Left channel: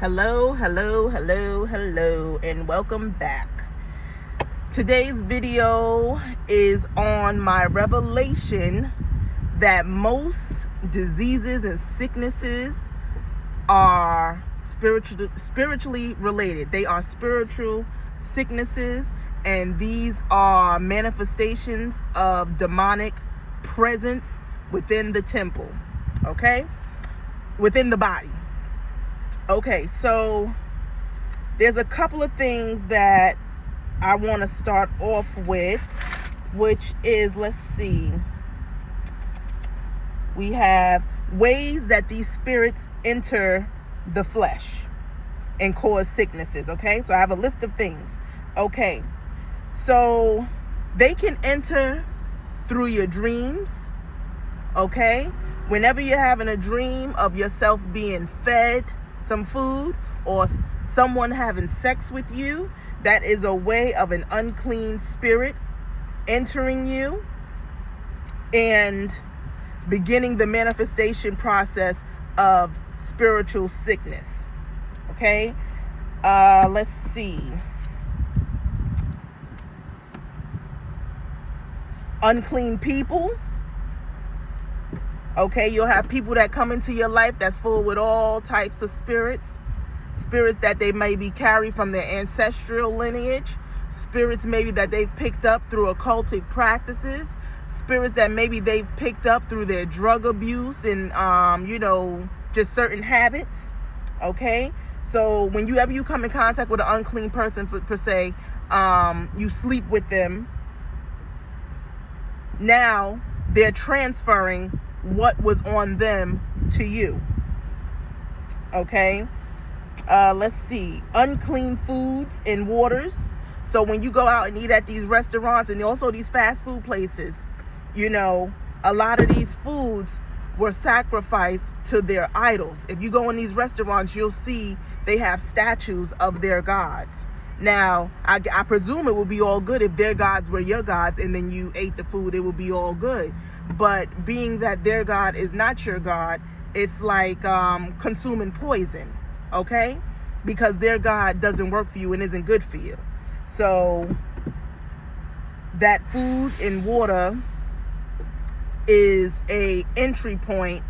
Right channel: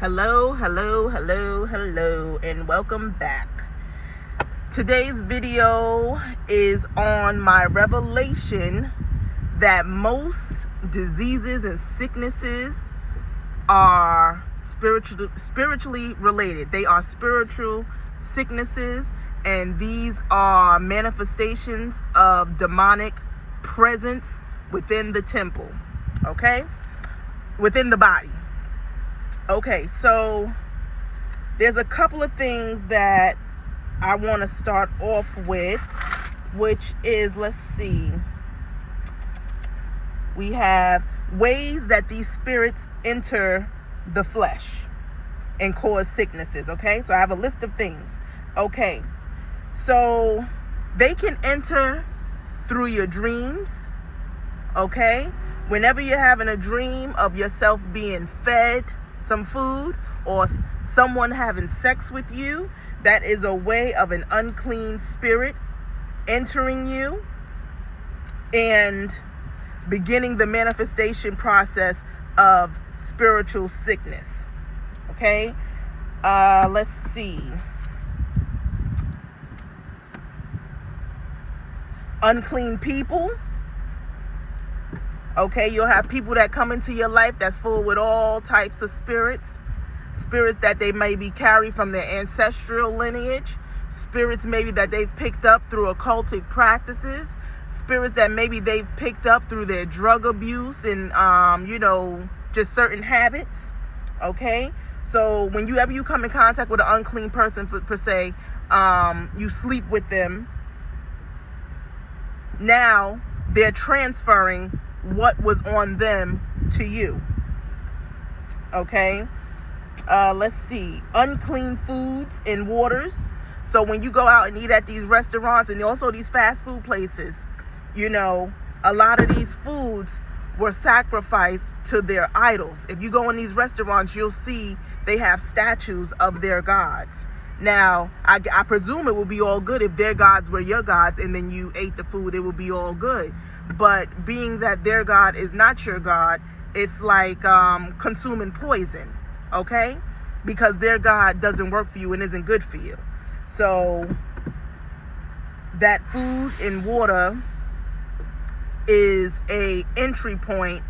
Hello, and welcome back. Today's video is on my revelation that most diseases and sicknesses are spiritually related. They are spiritual sicknesses, and these are manifestations of demonic presence within the temple, okay? Within the body. Okay, so there's a couple of things that I want to start off with, which is, let's see, we have ways that these spirits enter the flesh and cause sicknesses, okay? So I have a list of things. Okay, so they can enter through your dreams, okay? Whenever you're having a dream of yourself being fed some food or someone having sex with you, that is a way of an unclean spirit entering you and beginning the manifestation process of spiritual sickness. Okay, let's see. Unclean people. Okay, you'll have people that come into your life that's full with all types of spirits that they maybe carry from their ancestral lineage, spirits maybe that they've picked up through occultic practices, spirits that maybe they've picked up through their drug abuse and just certain habits. Okay, so whenever you come in contact with an unclean person per se, you sleep with them, now they're transferring what was on them to you. Okay, let's see. Unclean foods and waters. So when you go out and eat at these restaurants and also these fast food places, a lot of these foods were sacrificed to their idols. If you go in these restaurants, you'll see they have statues of their gods. Now, I presume it would be all good if their gods were your gods and then you ate the food, it would be all good. But being that their God is not your God, it's like consuming poison, okay? Because their God doesn't work for you and isn't good for you. So that food and water is a entry point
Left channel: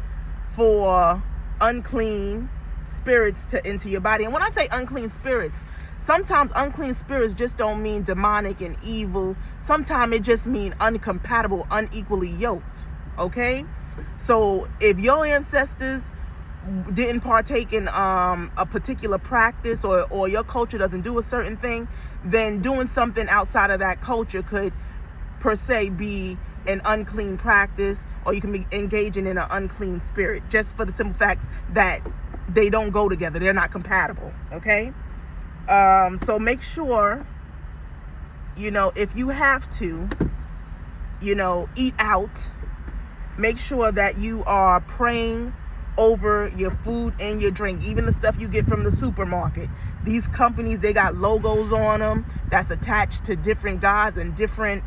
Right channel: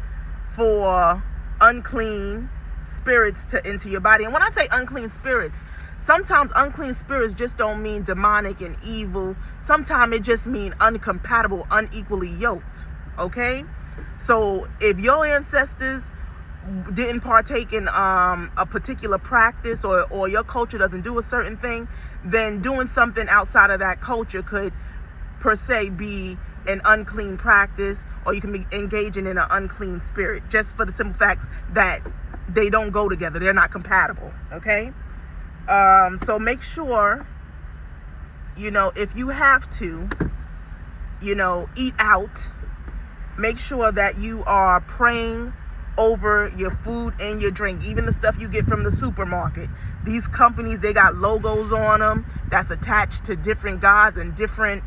for unclean spirits to enter your body. And when I say unclean spirits, sometimes unclean spirits just don't mean demonic and evil. Sometimes it just means incompatible, unequally yoked, okay? So if your ancestors didn't partake in a particular practice or your culture doesn't do a certain thing, then doing something outside of that culture could per se be an unclean practice, or you can be engaging in an unclean spirit, just for the simple fact that they don't go together. They're not compatible, okay? So make sure, if you have to, eat out, make sure that you are praying over your food and your drink, even the stuff you get from the supermarket. These companies, they got logos on them that's attached to different gods and different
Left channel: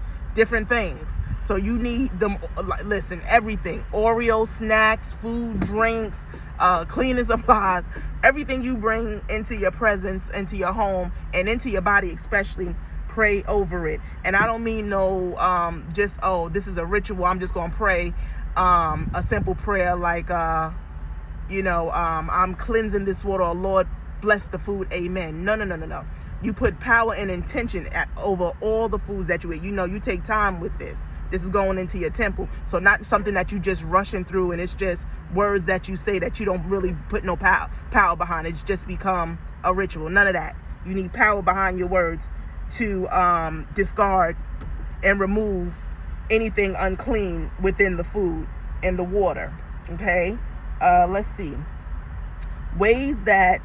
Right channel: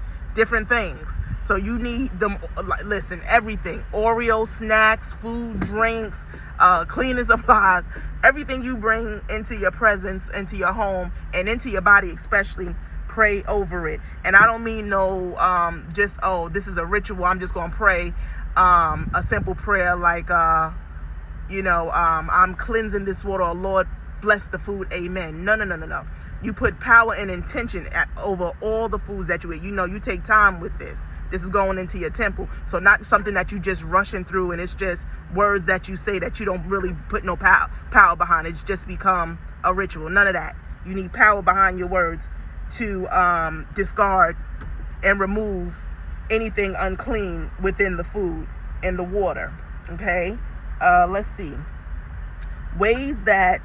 things. So you need them, listen, everything, Oreo snacks, food, drinks, cleaning supplies, everything you bring into your presence, into your home, and into your body especially, pray over it. And I don't mean this is a ritual, I'm just going to pray a simple prayer like, I'm cleansing this water, or Lord, bless the food, amen. No. You put power and intention over all the foods that you eat. You take time with this. This is going into your temple. So not something that you just rushing through and it's just words that you say that you don't really put no power behind. It's just become a ritual. None of that. You need power behind your words to discard and remove anything unclean within the food and the water. Okay? Let's see. Ways that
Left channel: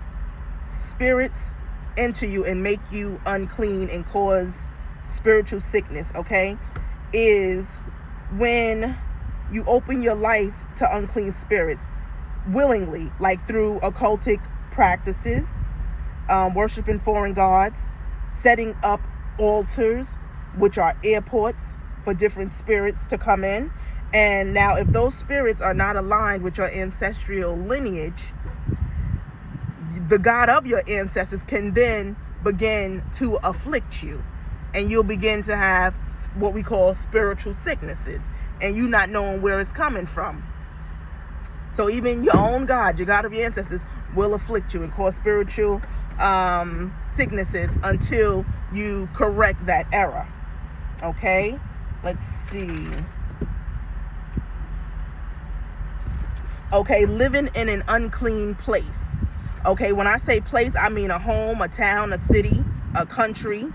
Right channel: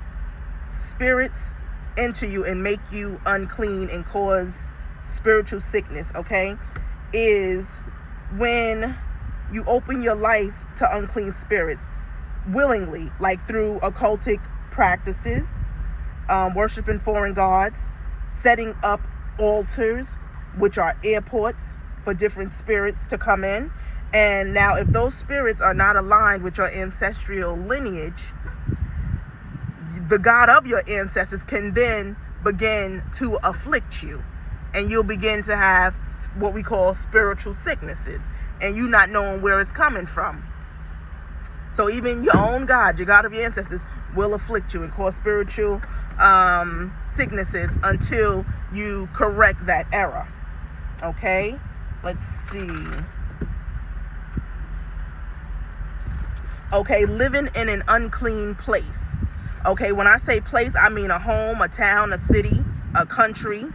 spirits enter you and make you unclean and cause spiritual sickness, okay, is when you open your life to unclean spirits willingly, like through occultic practices, worshiping foreign gods, setting up altars, which are airports for different spirits to come in. And now if those spirits are not aligned with your ancestral lineage, the God of your ancestors can then begin to afflict you, and you'll begin to have what we call spiritual sicknesses, and you not knowing where it's coming from. So even your own God, your God of your ancestors, will afflict you and cause spiritual sicknesses until you correct that error. Okay, let's see. Okay, living in an unclean place. Okay, when I say place, I mean a home, a town, a city, a country.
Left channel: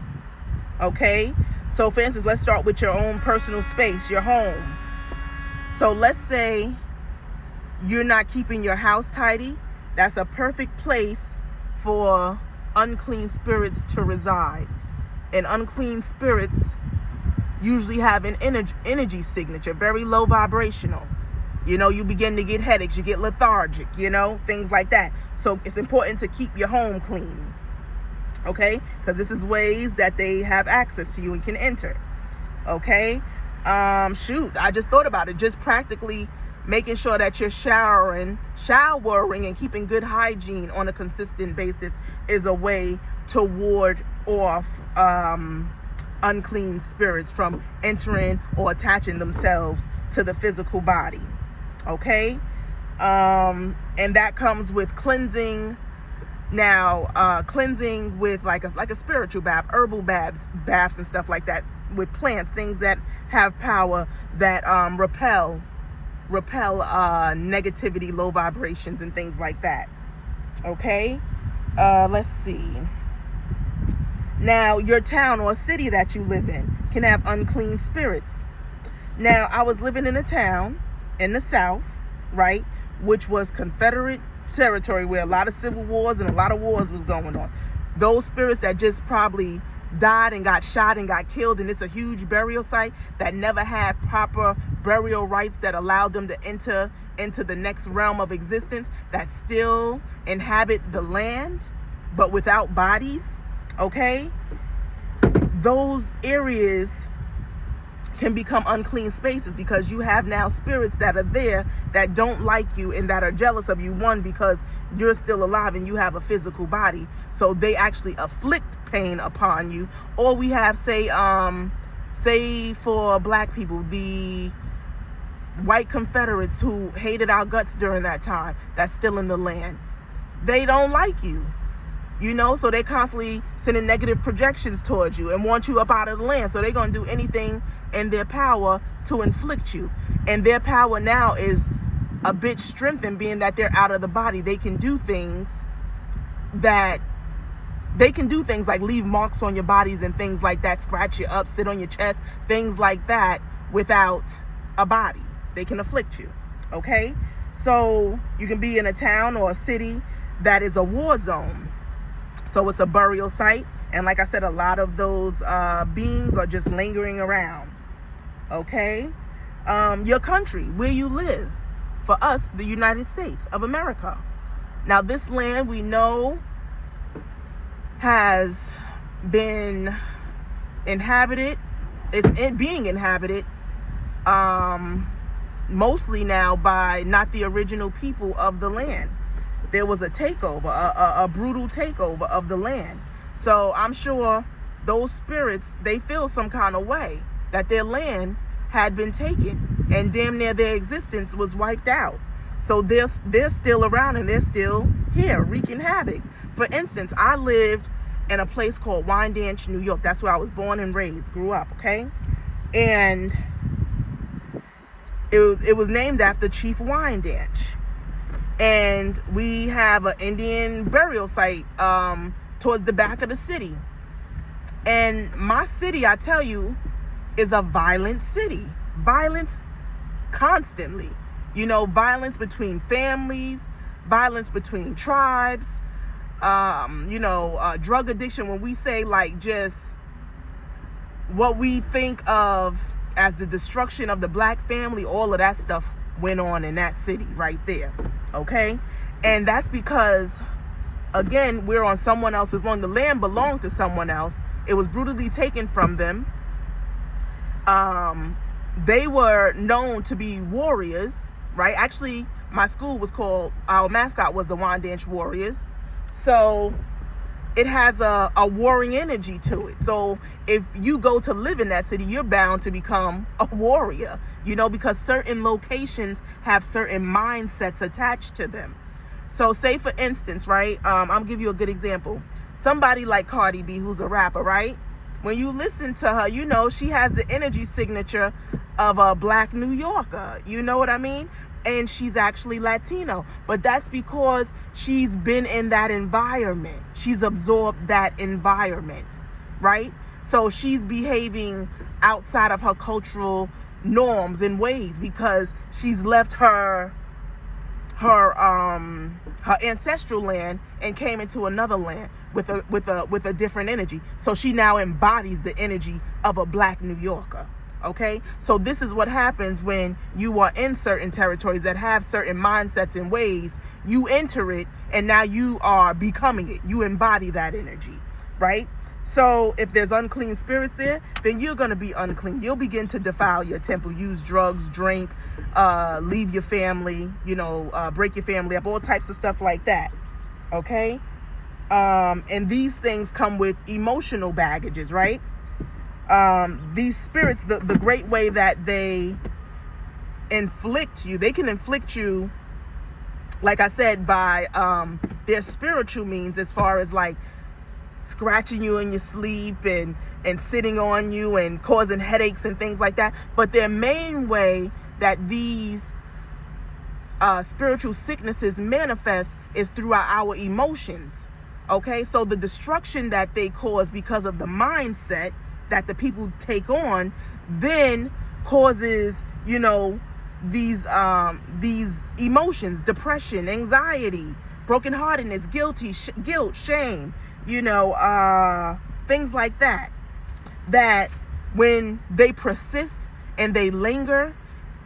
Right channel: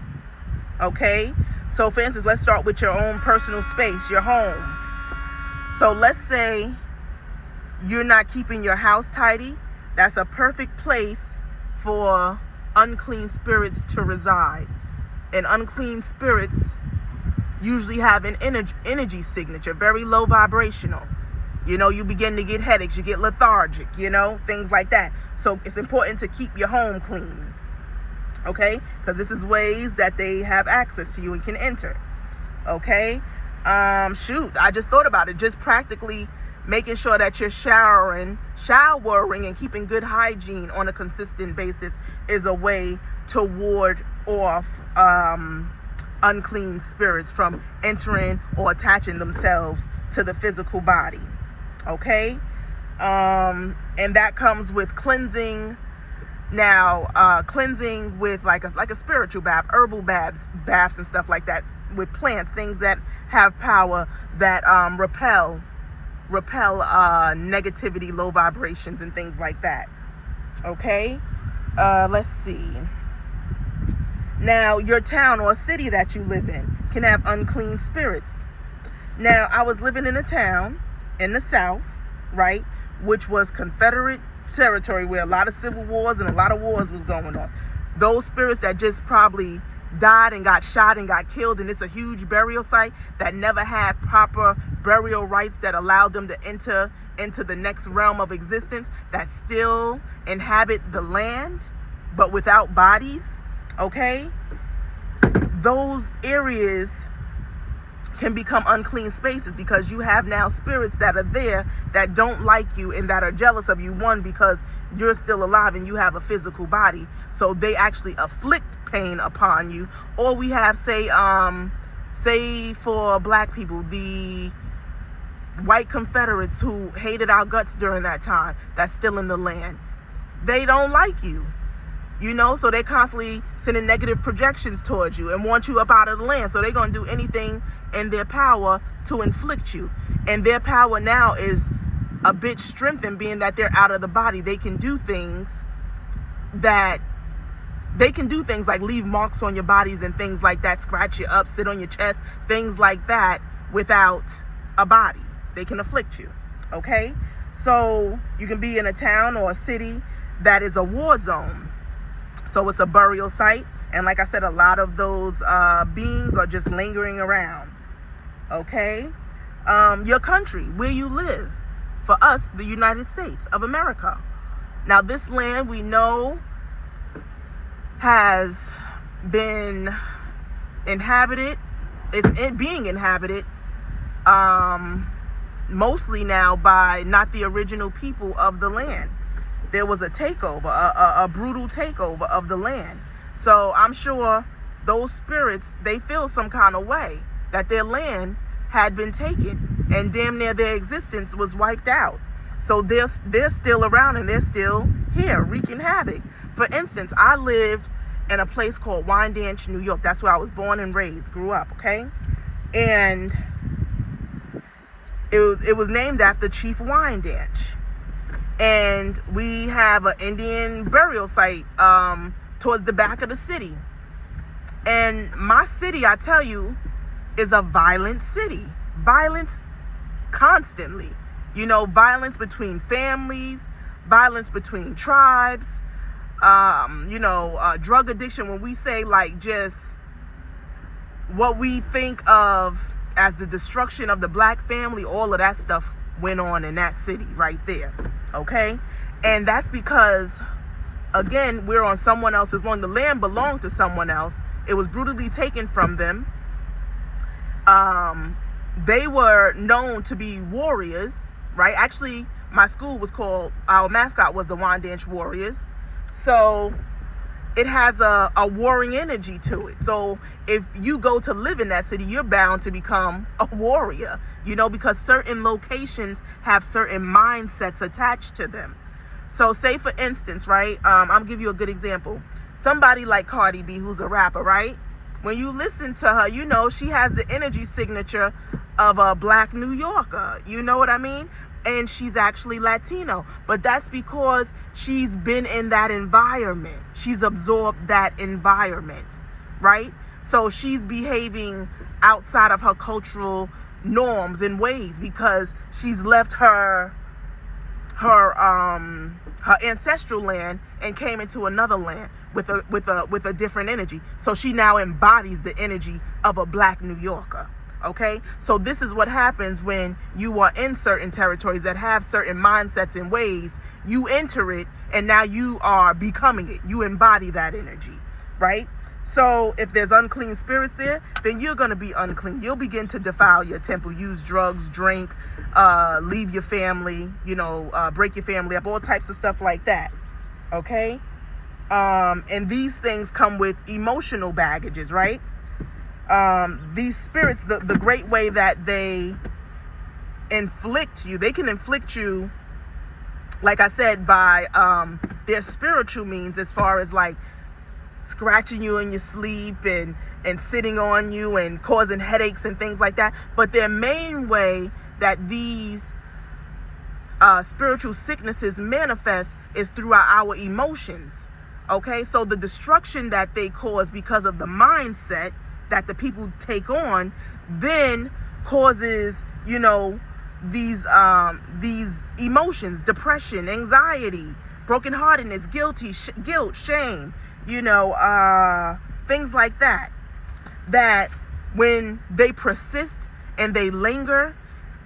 Okay, so for instance, let's start with your own personal space, your home. So let's say you're not keeping your house tidy. That's a perfect place for unclean spirits to reside. And unclean spirits usually have an energy signature, very low vibrational. You know, you begin to get headaches, you get lethargic, you know, things like that. So it's important to keep your home clean, okay? Because this is ways that they have access to you and can enter, okay? I just thought about it. Just practically making sure that you're showering and keeping good hygiene on a consistent basis is a way to ward off unclean spirits from entering or attaching themselves to the physical body. Okay, and that comes with cleansing. Now, cleansing with like a spiritual bath, herbal baths and stuff like that, with plants, things that have power that repel negativity, low vibrations, and things like that. Okay, let's see. Now, your town or city that you live in can have unclean spirits. Now, I was living in a town in the South, right, which was Confederate territory where a lot of civil wars and a lot of wars was going on. Those spirits that just probably died and got shot and got killed, and it's a huge burial site that never had proper burial rites that allowed them to enter into the next realm of existence, that still inhabit the land but without bodies. Okay, those areas can become unclean spaces because you have now spirits that are there that don't like you and that are jealous of you. One, because you're still alive and you have a physical body, so they actually afflict pain upon you. Or we have, say for black people, the white Confederates who hated our guts during that time, that's still in the land. They don't like you, you know, so they're constantly sending negative projections towards you and want you up out of the land. So they're going to do anything in their power to inflict you. And their power now is a bit strengthened, being that they're out of the body. They can do things like leave marks on your bodies and things like that, scratch you up, sit on your chest, things like that, without a body. They can afflict you. Okay, so you can be in a town or a city that is a war zone. So it's a burial site, and like I said, a lot of those beings are just lingering around. Okay, your country, where you live, for us, the United States of America. Now, this land we know has been inhabited. It's being inhabited mostly now by not the original people of the land. There was a takeover, a brutal takeover of the land. So I'm sure those spirits, they feel some kind of way that their land had been taken and damn near their existence was wiped out. So they're still around and they're still here wreaking havoc. For instance, I lived in a place called Wyandanch, New York. That's where I was born and raised, grew up, okay? And it was named after Chief Wyandanch. And we have an Indian burial site towards the back of the city. And my city, I tell you, is a violent city. Violence constantly. You know, violence between families, violence between tribes, drug addiction. When we say like just what we think of as the destruction of the black family, all of that stuff went on in that city right there. Okay? And that's because, again, we're on someone else's land. The land belonged to someone else. It was brutally taken from them. They were known to be warriors, right? Actually, my school was called, our mascot was the Wyandanch Warriors. So it has a warring energy to it. So if you go to live in that city, you're bound to become a warrior, because certain locations have certain mindsets attached to them. So say for instance, right, I'll give you a good example. Somebody like Cardi B, who's a rapper, right? When you listen to her, she has the energy signature of a Black New Yorker. You know what I mean? And she's actually Latino. But that's because she's been in that environment. She's absorbed that environment, right? So she's behaving outside of her cultural norms and ways because she's left her ancestral land and came into another land with a different energy. So she now embodies the energy of a Black New Yorker. Okay, so this is what happens when you are in certain territories that have certain mindsets and ways. You enter it, and now you are becoming it. You embody that energy, right? So if there's unclean spirits there, then you're going to be unclean. You'll begin to defile your temple, use drugs, drink, leave your family, break your family up, all types of stuff like that. Okay, and these things come with emotional baggages, right? These spirits, the great way that they inflict you, they can inflict you, like I said, by their spiritual means, as far as like scratching you in your sleep and sitting on you and causing headaches and things like that. But their main way that these spiritual sicknesses manifest is through our emotions. Okay, so the destruction that they cause because of the mindset that the people take on then causes, these emotions: depression, anxiety, brokenheartedness, guilt, shame, things like that. That when they persist and they linger,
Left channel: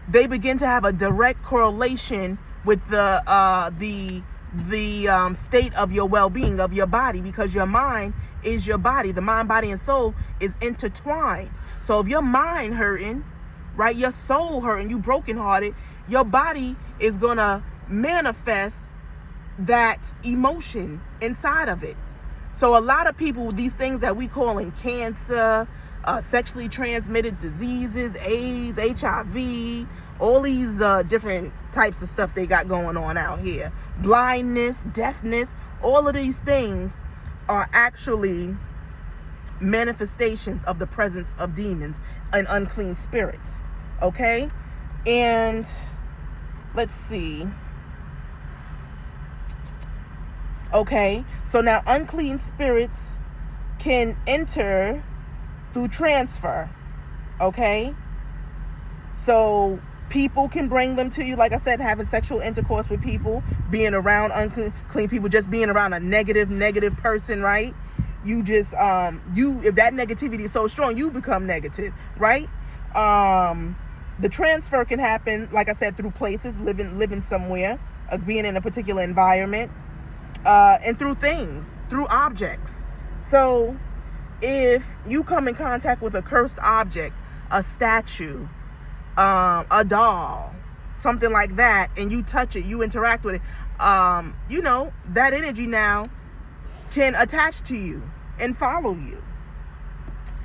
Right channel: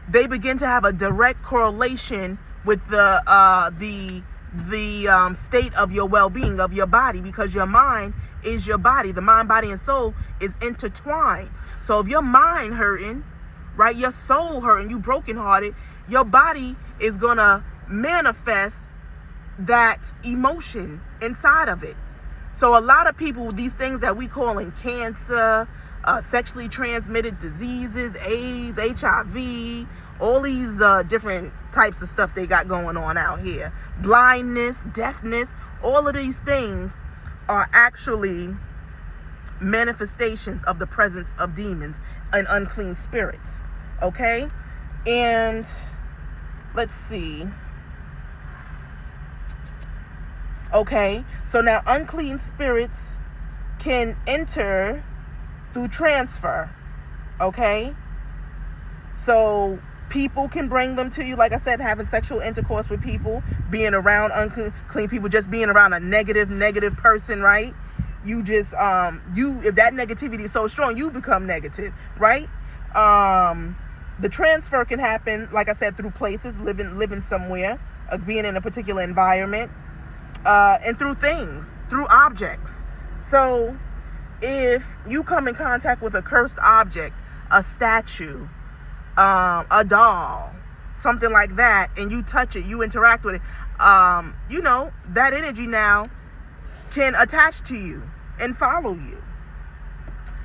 they begin to have a direct correlation with the state of your well-being, of your body, because your mind is your body. The mind, body, and soul is intertwined. So if your mind hurting, right, your soul hurting, you brokenhearted, your body is gonna manifest that emotion inside of it. So a lot of people, these things that we call in cancer, sexually transmitted diseases, AIDS, HIV, all these different types of stuff they got going on out here, blindness, deafness, all of these things are actually manifestations of the presence of demons and unclean spirits. Okay, and let's see. Okay, so now unclean spirits can enter through transfer. Okay, so people can bring them to you, like I said, having sexual intercourse with people, being around unclean people, just being around a negative person, right? You just if that negativity is so strong, you become negative, right? The transfer can happen, like I said, through places, living somewhere, being in a particular environment, and through things, through objects. So if you come in contact with a cursed object, a statue, a doll, something like that, and you touch it, you interact with it, that energy now can attach to you and follow you.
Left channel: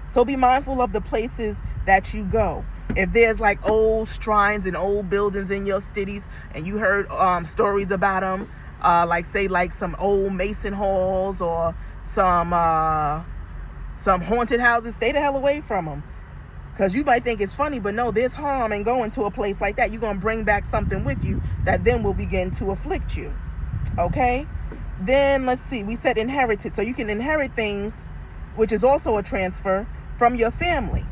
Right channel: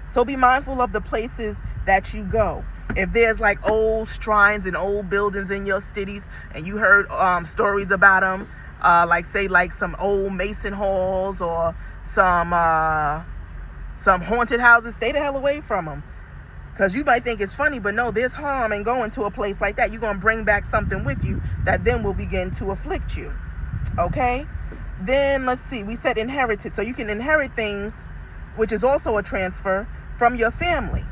So be mindful of the places that you go. If there's like old shrines and old buildings in your cities, and you heard stories about them, like some old Mason halls or some haunted houses, stay the hell away from them. Because you might think it's funny, but no, there's harm in going to a place like that. You're going to bring back something with you that then will begin to afflict you. Okay? Then, let's see. We said inherited. So you can inherit things, which is also a transfer, from your family.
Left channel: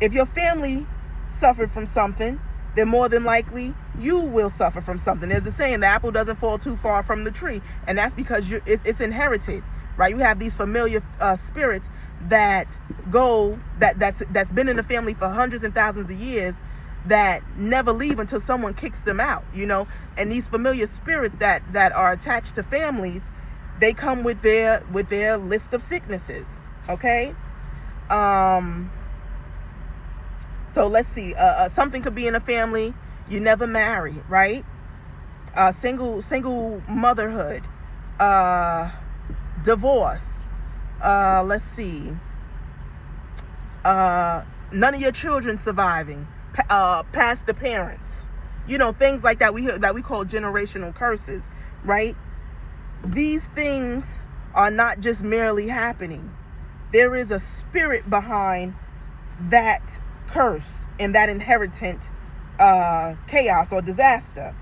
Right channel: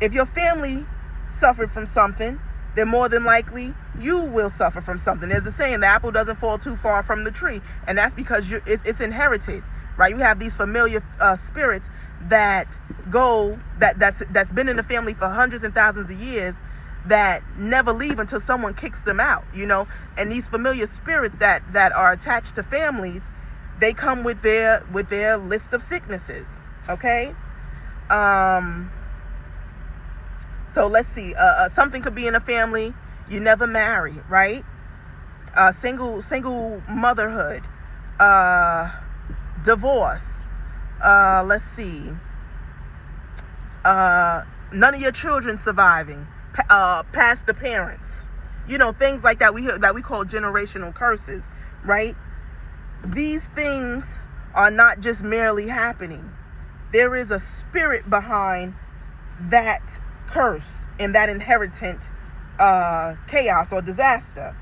If your family suffered from something, then more than likely you will suffer from something. There's a saying, the apple doesn't fall too far from the tree. And that's because it's inherited, right? You have these familiar spirits that's been in the family for hundreds and thousands of years that never leave until someone kicks them out, and these familiar spirits that are attached to families, they come with their list of sicknesses. Okay, so let's see, something could be in a family, you never marry, right? Single motherhood, divorce, let's see, none of your children surviving past the parents, things like that we call generational curses, right? These things are not just merely happening. There is a spirit behind that curse and that inherited chaos or disaster.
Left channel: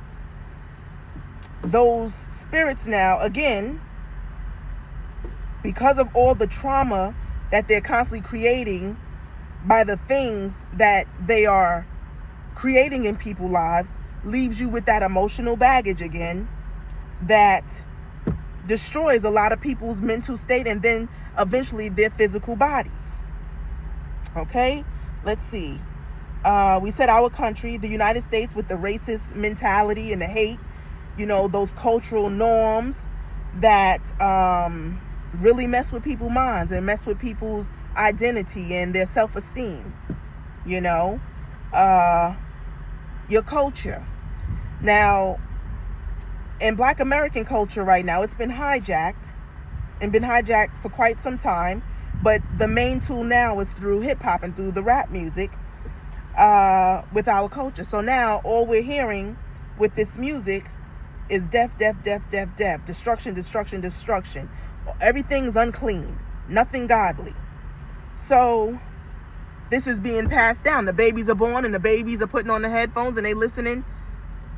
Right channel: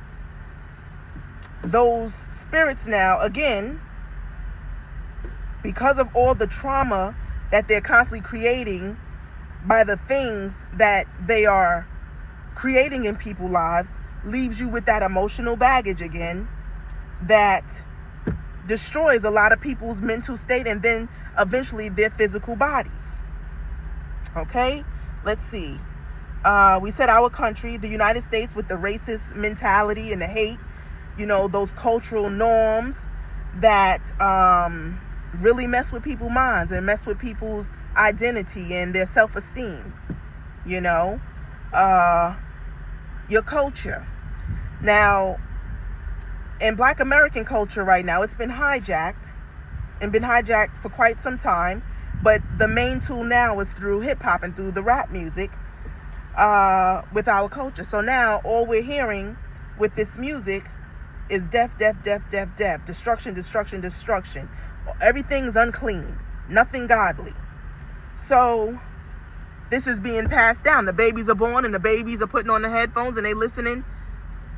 Those spirits now, again, because of all the trauma that they're constantly creating by the things that they are creating in people's lives, leaves you with that emotional baggage again that destroys a lot of people's mental state and then eventually their physical bodies. Okay, let's see. We said our country, the United States, with the racist mentality and the hate, those cultural norms that really mess with people's minds and mess with people's identity and their self-esteem. Your culture. Now, in Black American culture right now, it's been hijacked for quite some time, but the main tool now is through hip-hop and through the rap music with our culture. So now all we're hearing with this music is death, death, death, death, death, destruction, destruction, destruction. Everything's unclean, nothing godly. So this is being passed down. The babies are born and the babies are putting on the headphones and they listening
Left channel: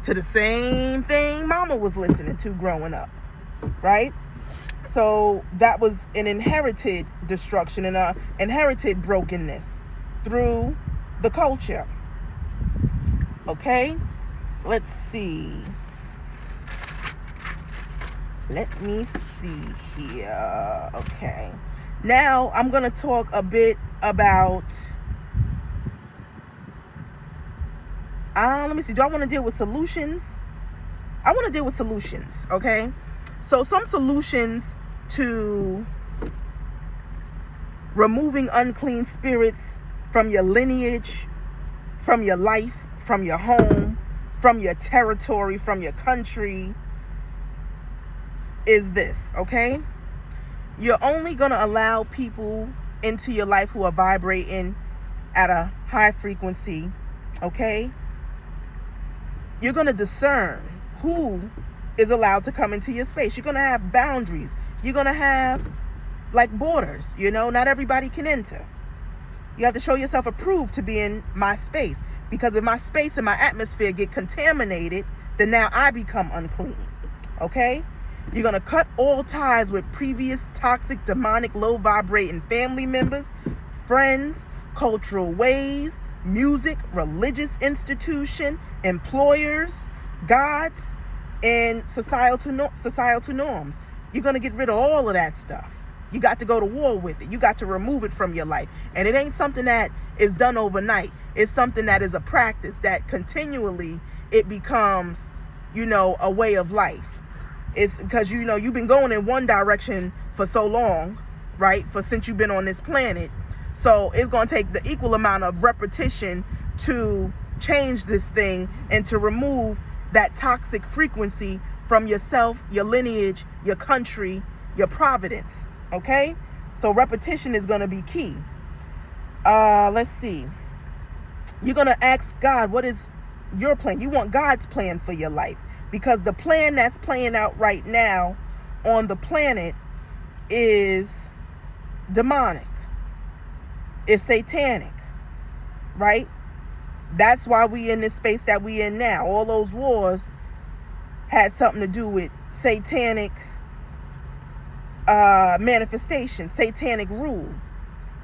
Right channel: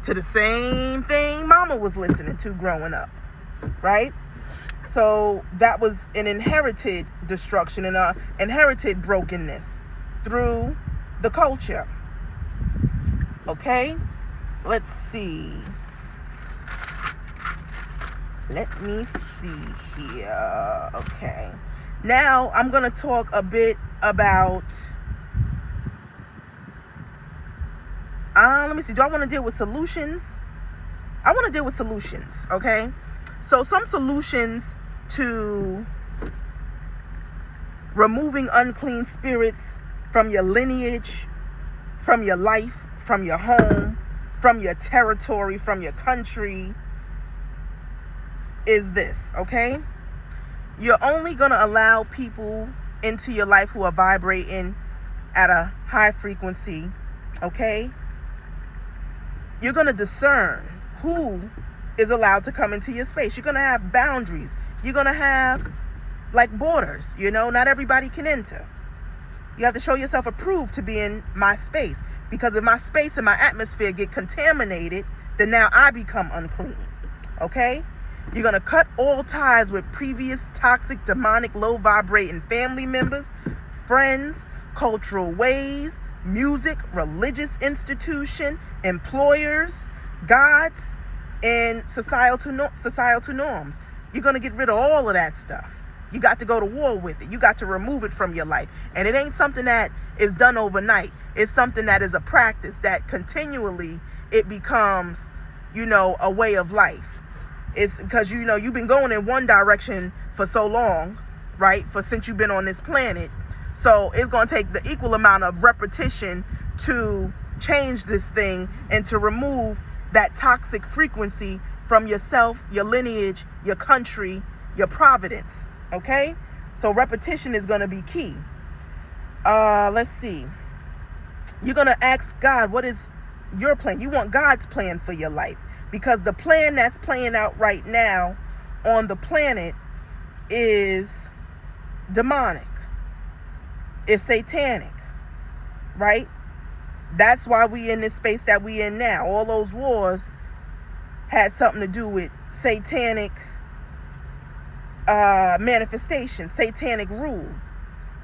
to the same thing mama was listening to growing up, right? So that was an inherited destruction and a inherited brokenness through the culture. Okay, let's see. Let me see here. Okay. Now I'm going to talk a bit about, let me see. Do I want to deal with solutions? I want to deal with solutions. Okay. So some solutions to removing unclean spirits from your lineage, from your life, from your home, from your territory, from your country, is this, okay? You're only going to allow people into your life who are vibrating at a high frequency, okay? You're going to discern who is allowed to come into your space. You're going to have boundaries. You're going to have like borders, not everybody can enter. You have to show yourself approved to be in my space, because if my space and my atmosphere get contaminated, then now I become unclean, okay? You're going to cut all ties with previous toxic, demonic, low vibrating family members, friends, cultural ways, music, religious institution, employers, gods, and societal norms. You're going to get rid of all of that stuff. You got to go to war with it. You got to remove it from your life. And it ain't something that is done overnight. It's something that is a practice that continually it becomes, a way of life. It's because, you've been going in one direction for so long, right? Since you've been on this planet. So it's going to take the equal amount of repetition to change this thing and to remove that toxic frequency from yourself, your lineage, your country, your providence. Okay? So repetition is going to be key. Let's see. You're going to ask God, what is your plan? You want God's plan for your life. Because the plan that's playing out right now on the planet is demonic. It's satanic, right? That's why we in this space that we in now. All those wars had something to do with satanic manifestation, satanic rule,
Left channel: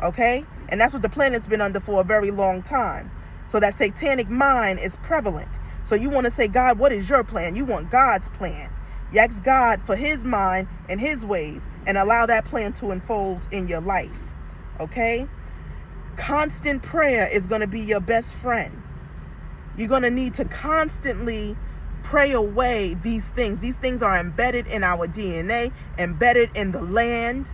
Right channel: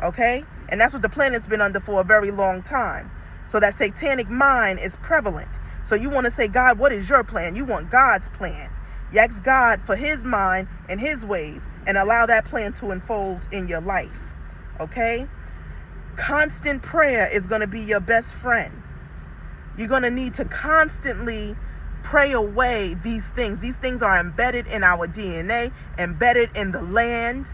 okay? And that's what the planet's been under for a very long time. So that satanic mind is prevalent. So you want to say, God, what is your plan? You want God's plan. You ask God for his mind and his ways and allow that plan to unfold in your life. Okay? Constant prayer is going to be your best friend. You're going to need to constantly pray away these things. These things are embedded in our DNA, embedded in the land,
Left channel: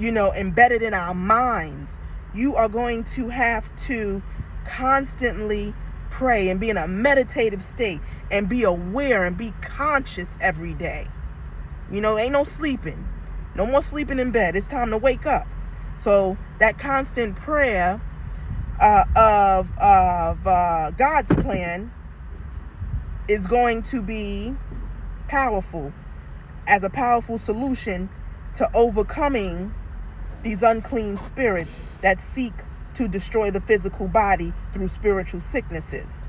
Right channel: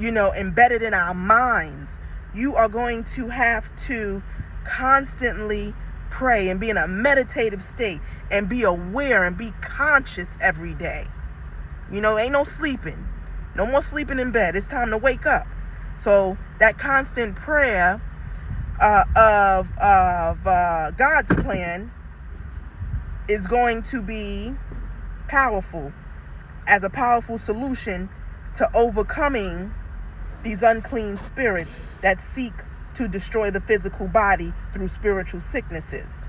embedded in our minds. You are going to have to constantly pray and be in a meditative state and be aware and be conscious every day. Ain't no sleeping. No more sleeping in bed. It's time to wake up. So that constant prayer of God's plan is going to be powerful, as a powerful solution to overcoming these unclean spirits that seek to destroy the physical body through spiritual sicknesses.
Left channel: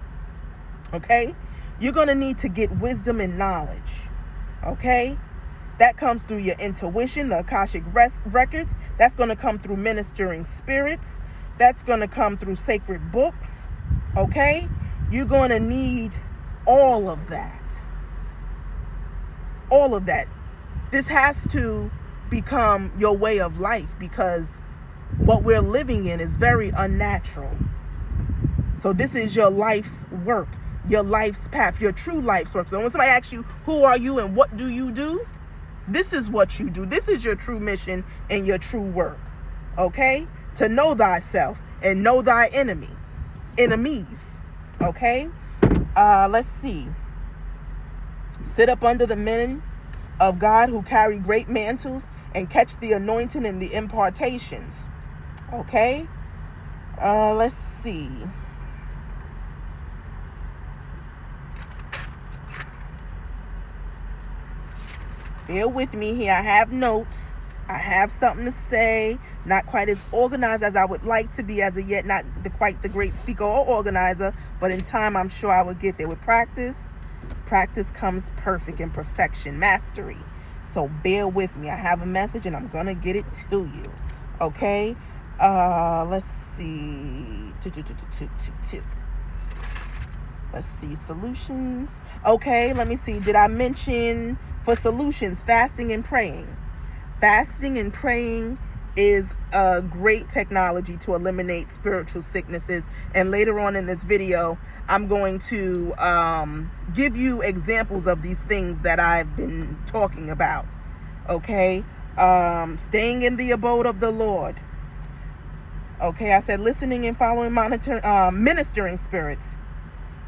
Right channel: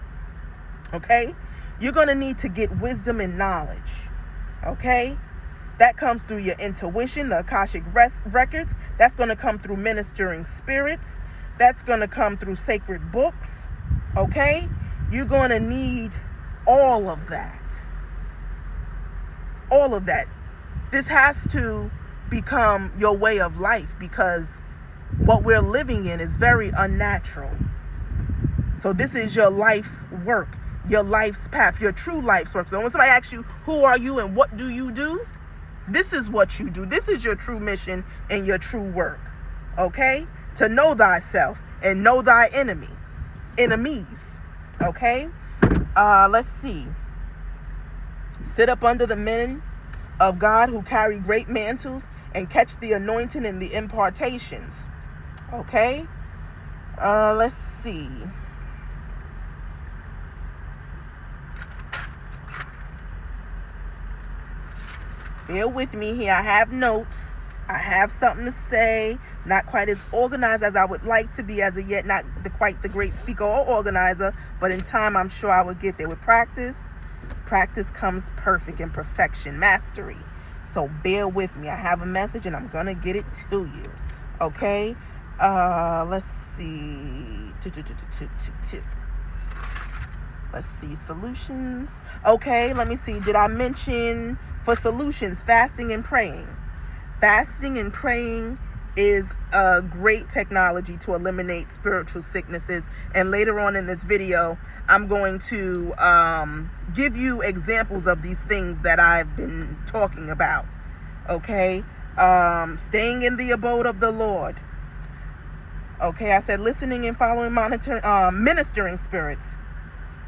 Okay? You're going to need to get wisdom and knowledge. Okay? That comes through your intuition, the Akashic records. That's going to come through ministering spirits. That's going to come through sacred books. Okay? You're going to need all of that. All of that. This has to become your way of life, because what we're living in is very unnatural. So this is your life's work, your life's path, your true life's work. So when somebody asks you, who are you and what do you do? This is what you do. This is your true mission and your true work. Okay? To know thyself and know thy enemies. Okay? Let's see. Sit up under the men of God who carry great mantles and catch the anointing and the impartations. Okay? Let's see. Bear with me here. I have notes. I have something to say. Not quite as organized as I would like to be as of yet. Not quite the great speaker or organizer. But in time, I'm sure I will get there. With practice comes perfect and perfection, mastery. So bear with me. I have a message and I'm going to get it to you. Okay? Let's see. Let's see. Solutions. Okay, let me see. Did I mention for solutions, fasting and praying? Fasting and praying is a great technology to eliminate spiritual sicknesses. And later on in this video, I'm going to give you examples of these things that I've been talking about. Okay? Staying in the abode of the Lord. Okay, I said listening and following, ministering spirits.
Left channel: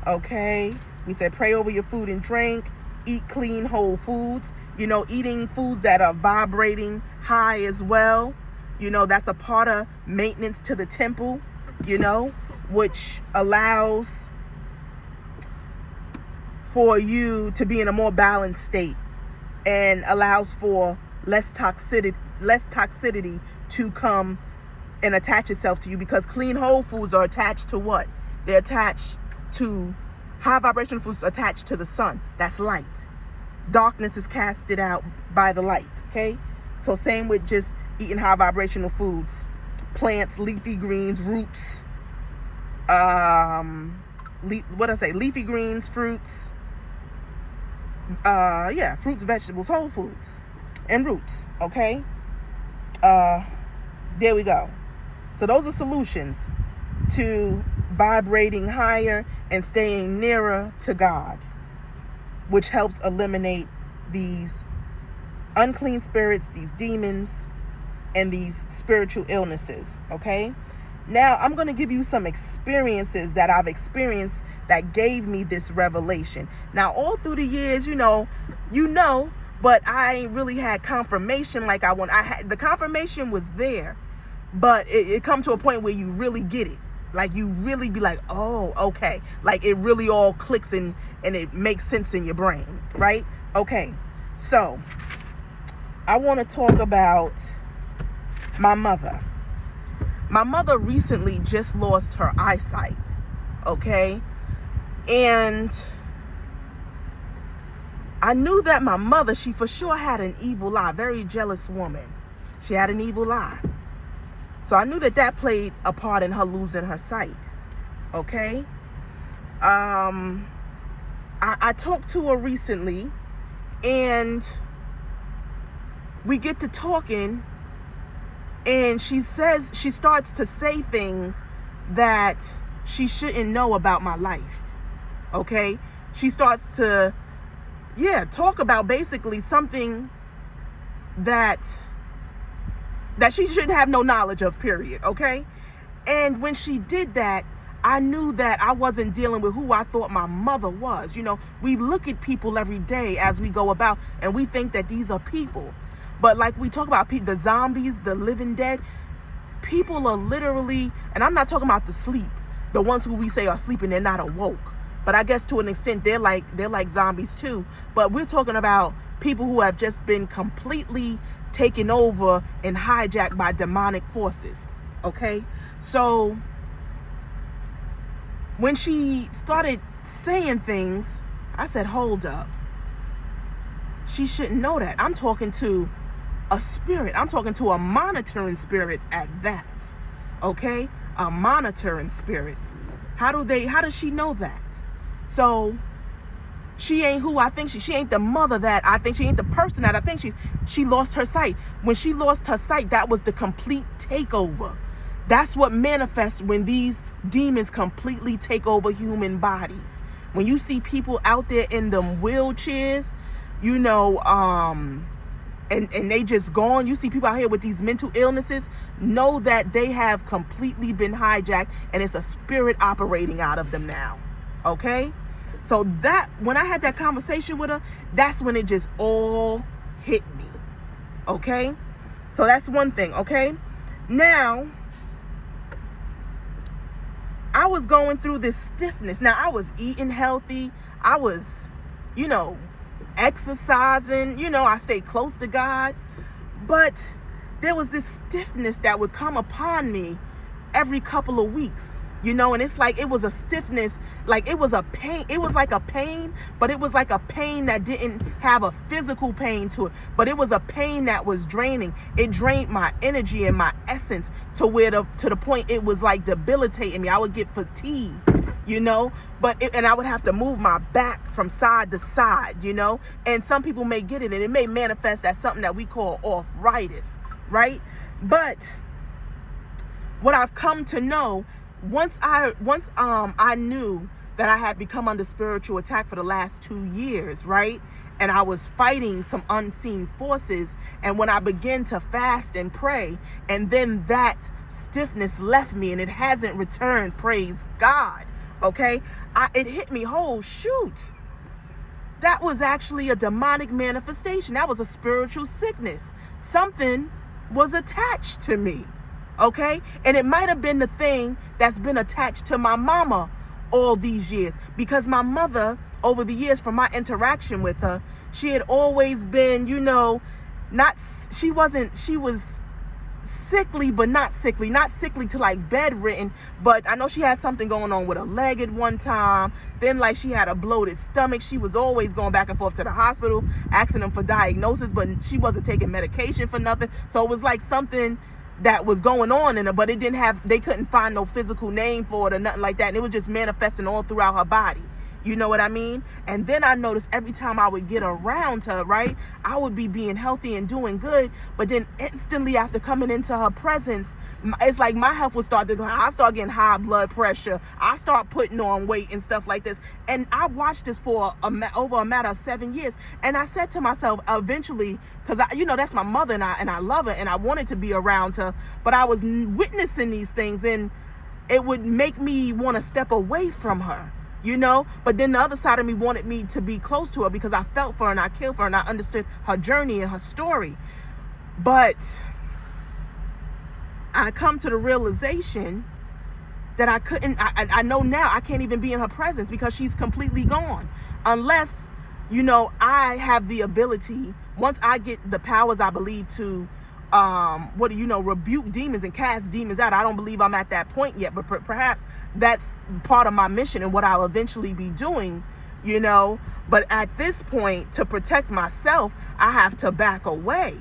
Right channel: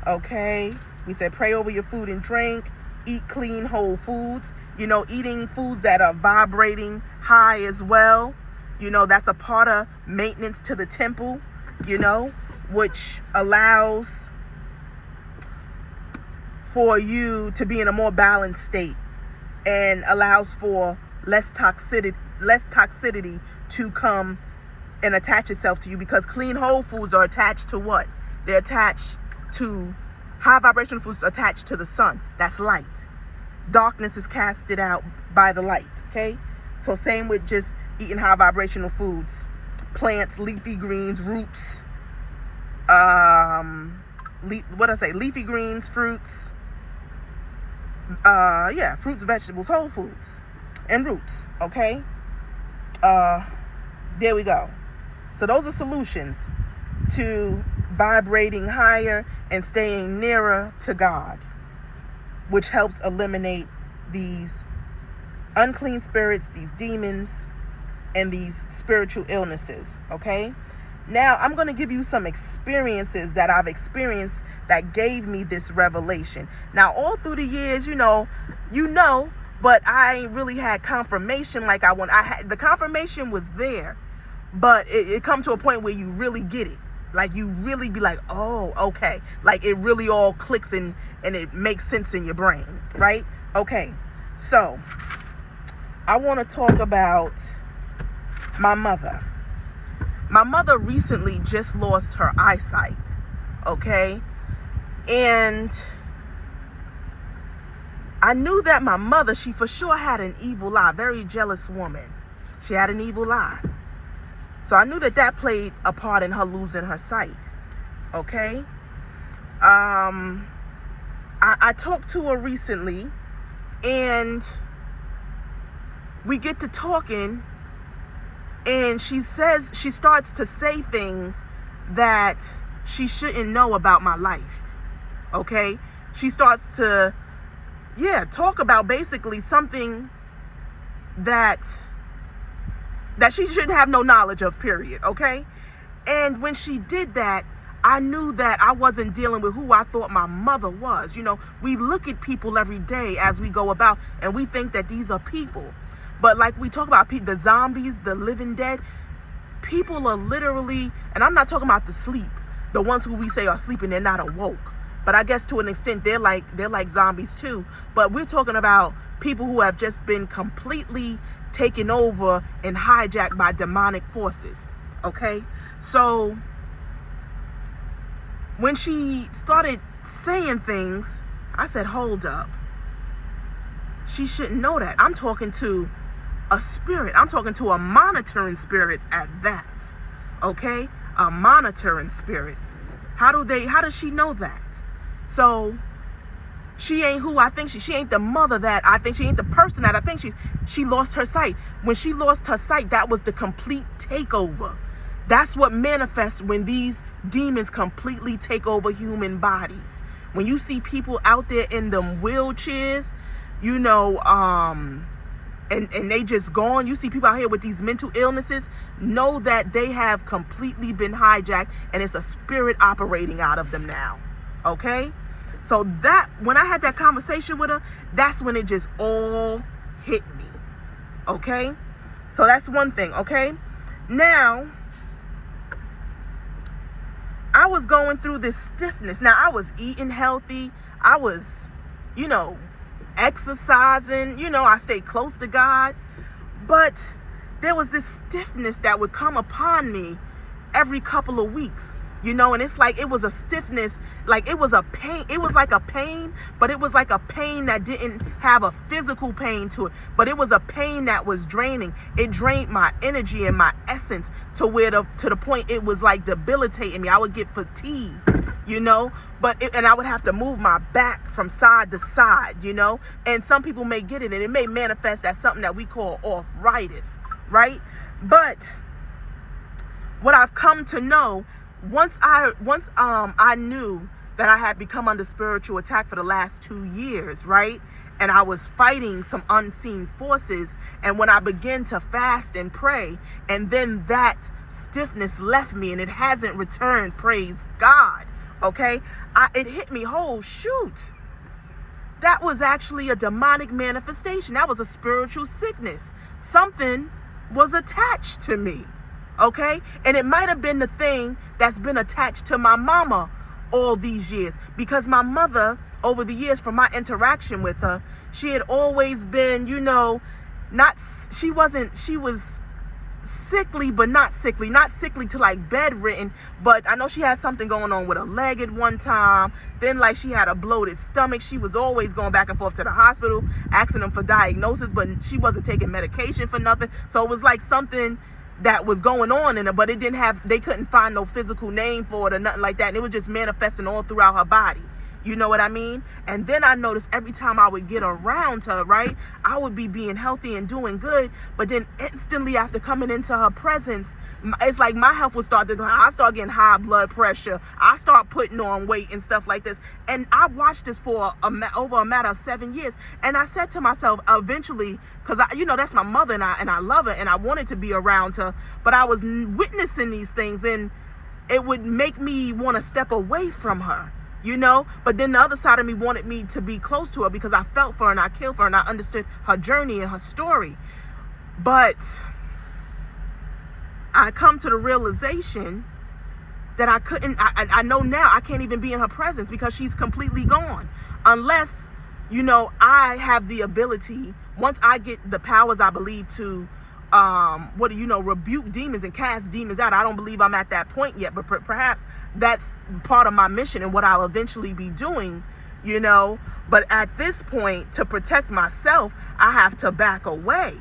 Okay? We said pray over your food and drink. Eat clean, whole foods. Eating foods that are vibrating high as well. That's a part of maintenance to the temple, which allows for you to be in a more balanced state and allows for less toxicity to come and attach itself to you, because clean whole foods are attached to what? They're attached to high vibrational foods, attached to the sun. That's light. Darkness is casted out by the light. Okay? So same with just eating high vibrational foods. Plants, leafy greens, roots. Leafy greens, fruits. Fruits, vegetables, whole foods, and roots. Okay? There we go. So those are solutions to vibrating higher and staying nearer to God, which helps eliminate these unclean spirits, these demons, and these spiritual illnesses. Okay? Now, I'm going to give you some experiences that I've experienced that gave me this revelation. Now, all through the years, but I ain't really had confirmation like I want. The confirmation was there, but it come to a point where you really get it. Like, you really be like, oh, okay. Like, it really all clicks and it makes sense in your brain, right? Okay, so I want to talk about my mother. My mother recently just lost her eyesight, okay? And I knew that my mother, she for sure had an evil eye, very jealous woman. She had an evil eye. So I knew that played a part in her losing her sight, okay? I talked to her recently, and we get to talking, and she starts to say things that she shouldn't know about my life, okay? She starts to, talk about basically something that she shouldn't have no knowledge of, period, okay? And when she did that, I knew that I wasn't dealing with who I thought my mother was. You know, we look at people every day as we go about and we think that these are people. But like we talk about the zombies, the living dead, people are literally, and I'm not talking about the sleep, the ones who we say are sleeping, they're not awoke. But I guess to an extent, they're like zombies too. But we're talking about people who have just been completely taken over and hijacked by demonic forces. Okay? So when she started saying things, I said, hold up. She shouldn't know that. I'm talking to a spirit. I'm talking to a monitoring spirit at that. Okay? A monitoring spirit. How does she know that? So she ain't who I think she ain't the mother that I think she ain't the person that I think she lost her sight. When she lost her sight, that was the complete takeover. That's what manifests when these demons completely take over human bodies. When you see people out there in them wheelchairs, you know, and they just gone. You see people out here with these mental illnesses, know that they have completely been hijacked and it's a spirit operating out of them now. Okay? So that, when I had that conversation with her, that's when it just all hit me. Okay? So that's one thing. Okay? Now, I was going through this stiffness. Now, I was eating healthy. I was, you know, exercising. You know, I stayed close to God. But there was this stiffness that would come upon me every couple of weeks. You know, and it's like it was a stiffness, like it was a pain. It was like a pain, but it was like a pain that didn't have a physical pain to it. But it was a pain that was draining. It drained my energy and my essence to the point it was like debilitating me. I would get fatigued, you know, and I would have to move my back from side to side, you know. And some people may get it, and it may manifest as something that we call arthritis, right? But what I've come to know, once I knew that I had become under spiritual attack for the last 2 years, right? And I was fighting some unseen forces. And when I began to fast and pray, and then that stiffness left me and it hasn't returned, praise God. Okay? It hit me, oh shoot. That was actually a demonic manifestation. That was a spiritual sickness. Something was attached to me. Okay? And it might have been the thing that's been attached to my mama all these years. Because my mother, over the years from my interaction with her, she had always been, you know, she was sickly, but not sickly. Not sickly to like bedridden, but I know she had something going on with her leg at one time. Then like she had a bloated stomach. She was always going back and forth to the hospital, asking them for diagnosis, but she wasn't taking medication for nothing. So it was like something that was going on in her, but they couldn't find no physical name for it or nothing like that. And it was just manifesting all throughout her body. You know what I mean? And then I noticed every time I would get around her, right, I would be being healthy and doing good. But then instantly after coming into her presence, it's like my health would start to go. I start getting high blood pressure. I start putting on weight and stuff like this. And I watched this for over a matter of 7 years. And I said to myself, eventually, because you know that's my mother and I love her and I wanted to be around her, but I was witnessing these things and it would make me want to step away from her. You know, but then the other side of me wanted me to be close to her because I felt for her and I killed for her and I understood her journey and her story. But I come to the realization that I couldn't, I know now I can't even be in her presence because she's completely gone. Unless, you know, I have the ability, once I get the powers I believe to, rebuke demons and cast demons out. I don't believe I'm at that point yet, but perhaps that's part of my mission and what I'll eventually be doing, you know. But at this point, to protect myself, I have to back away.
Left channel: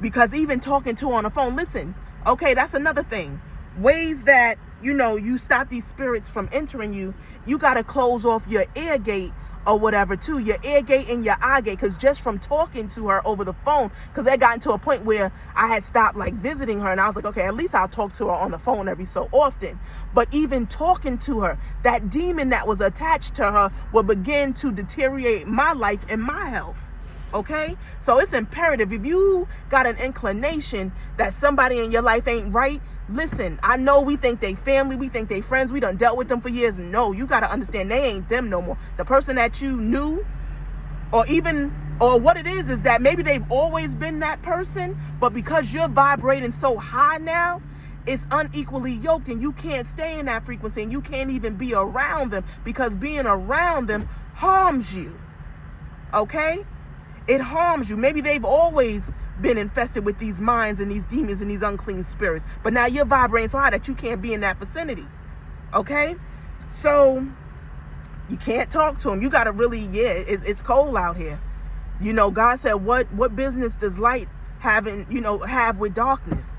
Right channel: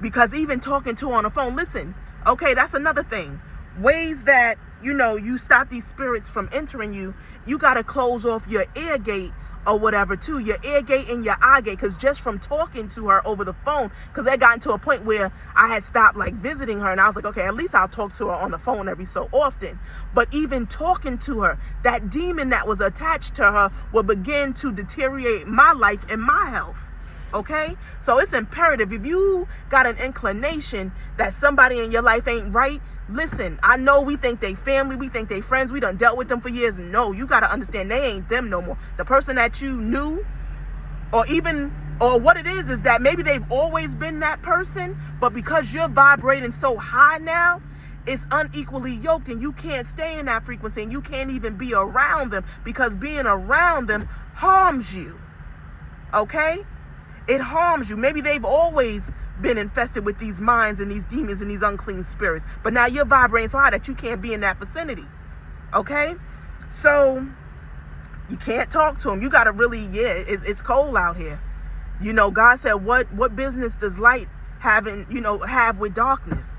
Because even talking to her on the phone, listen, okay, that's another thing. Ways that, you know, you stop these spirits from entering you, you got to close off your ear gate or whatever too, your ear gate and your eye gate. Because just from talking to her over the phone, because I got into a point where I had stopped like visiting her and I was like, okay, at least I'll talk to her on the phone every so often. But even talking to her, that demon that was attached to her will begin to deteriorate my life and my health. Okay? So it's imperative, if you got an inclination that somebody in your life ain't right, Listen, I know we think they family, we think they friends, we done dealt with them for years. No, you got to understand they ain't them no more. The person that you knew, or what it is that maybe they've always been that person, but because you're vibrating so high now, it's unequally yoked, and you can't stay in that frequency, and you can't even be around them, because being around them harms you. Okay? It harms you. Maybe they've always been infested with these minds and these demons and these unclean spirits, but now you're vibrating so high that you can't be in that vicinity. Okay? So you can't talk to them. You got to really, it's cold out here. You know, God said, what business does light have with darkness?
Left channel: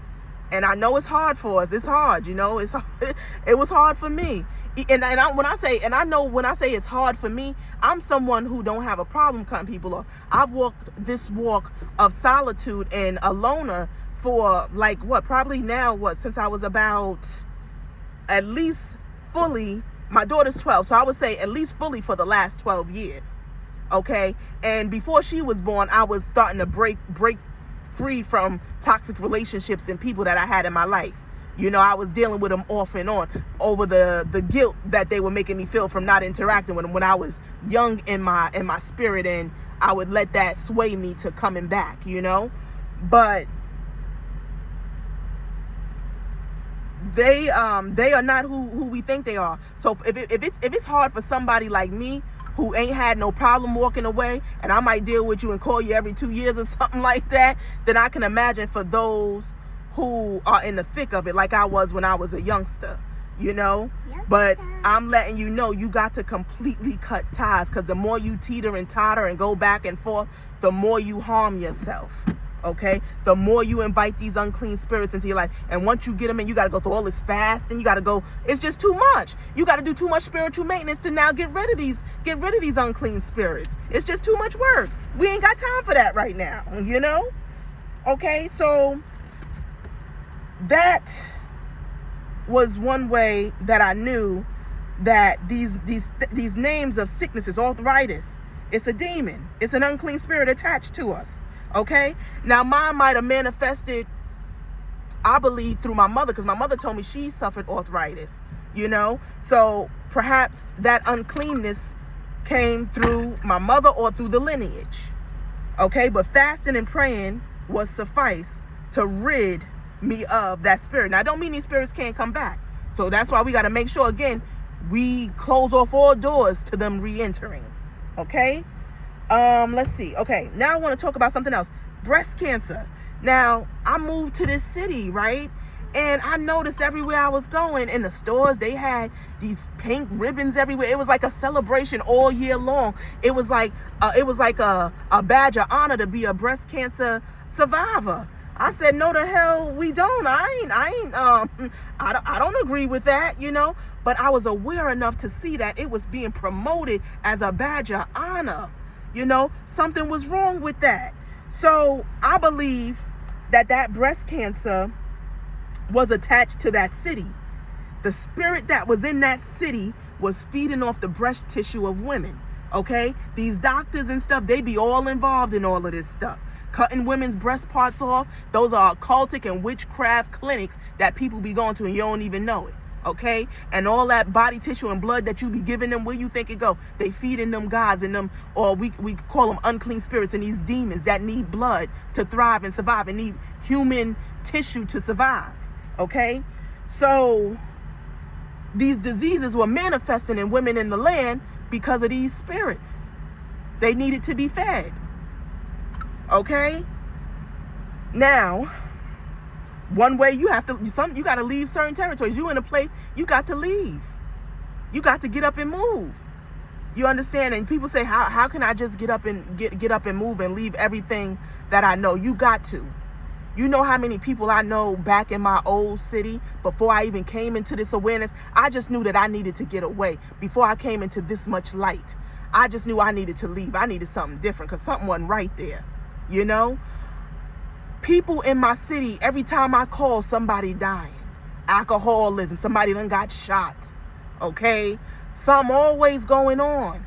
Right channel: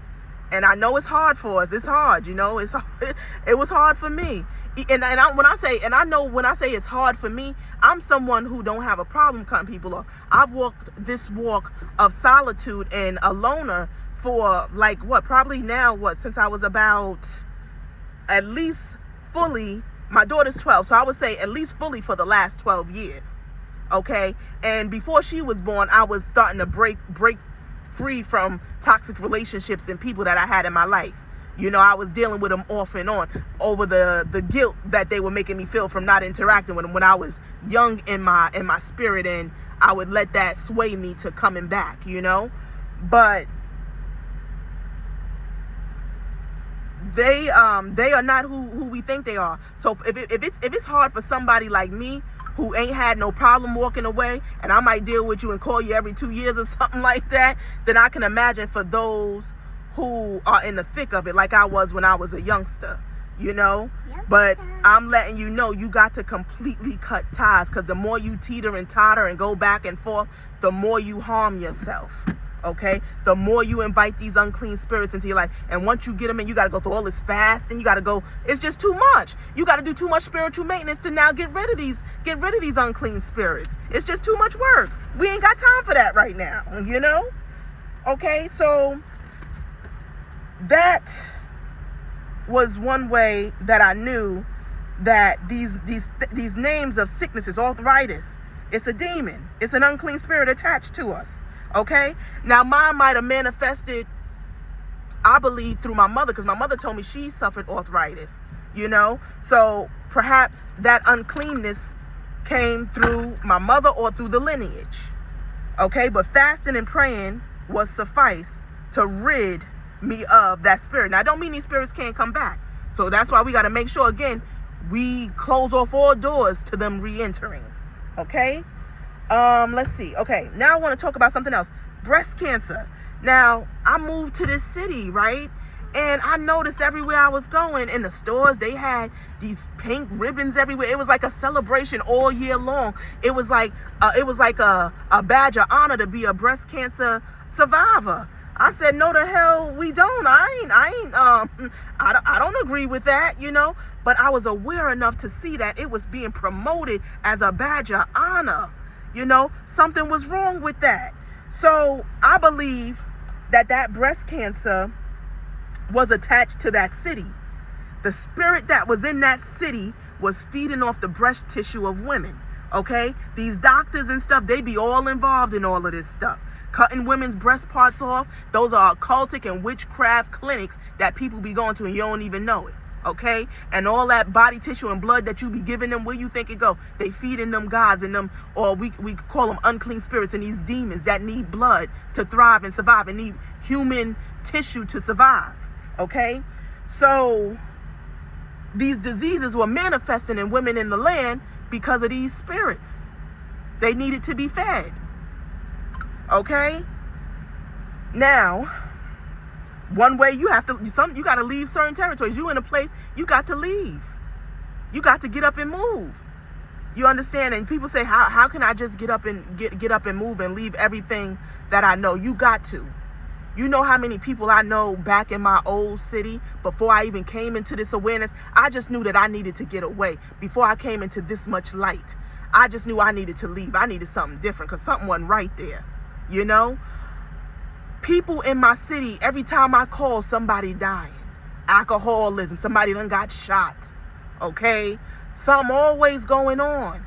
And I know it's hard for us. It's hard, you know. It was hard for me. When I say it's hard for me, I'm someone who don't have a problem cutting people off. I've walked this walk of solitude and a loner for since I was about at least fully, my daughter's 12, so I would say at least fully for the last 12 years. Okay? And before she was born, I was starting to break free from toxic relationships and people that I had in my life. You know, I was dealing with them off and on over the guilt that they were making me feel from not interacting with them when I was young in my spirit, and I would let that sway me to coming back, you know. But they are not who we think they are. So if it's hard for somebody like me, who ain't had no problem walking away, and I might deal with you and call you every 2 years or something like that, then I can imagine for those who are in the thick of it, like I was when I was a youngster, you know. But I'm letting you know, you got to completely cut ties, because the more you teeter and totter and go back and forth, the more you harm yourself. Okay, the more you invite these unclean spirits into your life. And once you get them in, you got to go through all this fasting. You got to go, it's just too much. You got to do too much spiritual maintenance to now get rid of these unclean spirits. It's just too much work. We ain't got time for that right now, you know. Okay, so that was one way that I knew that these names of sicknesses, arthritis, it's a demon. It's an unclean spirit attached to us. Okay, now mine might have manifested, I believe, through my mother, because my mother told me she suffered arthritis, you know. So perhaps that uncleanness came through my mother or through the lineage. Okay, but fasting and praying was suffice to rid me of that spirit. Now, I don't mean these spirits can't come back. So that's why we got to make sure, again, we close off all doors to them re-entering. Okay. Let's see. Okay, now I want to talk about something else. Breast cancer. Now, I moved to this city, right? And I noticed everywhere I was going, in the stores, they had these pink ribbons everywhere. It was like a celebration all year long. It was like a badge of honor to be a breast cancer survivor. I said, no, the hell we don't. I don't agree with that, you know. But I was aware enough to see that it was being promoted as a badge of honor. You know, something was wrong with that. So I believe that breast cancer was attached to that city. The spirit that was in that city was feeding off the breast tissue of women. Okay, these doctors and stuff, they be all involved in all of this stuff. Cutting women's breast parts off. Those are occultic and witchcraft clinics that people be going to and you don't even know it. Okay, and all that body tissue and blood that you be giving them, where you think it go? They feeding them gods and them, or we call them unclean spirits, and these demons that need blood to thrive and survive and need human tissue to survive. Okay, so these diseases were manifesting in women in the land because of these spirits. They needed to be fed. Okay, now, one way you got to leave certain territories. You in a place, you got to leave. You got to get up and move. You understand? And people say, how can I just get up and move and leave everything that I know? You got to. You know how many people I know back in my old city, before I even came into this awareness, I just knew that I needed to get away. Before I came into this much light, I just knew I needed to leave. I needed something different, because something wasn't right there, you know? People in my city, every time I call, somebody dying. Alcoholism, somebody done got shot. Okay? Something always going on.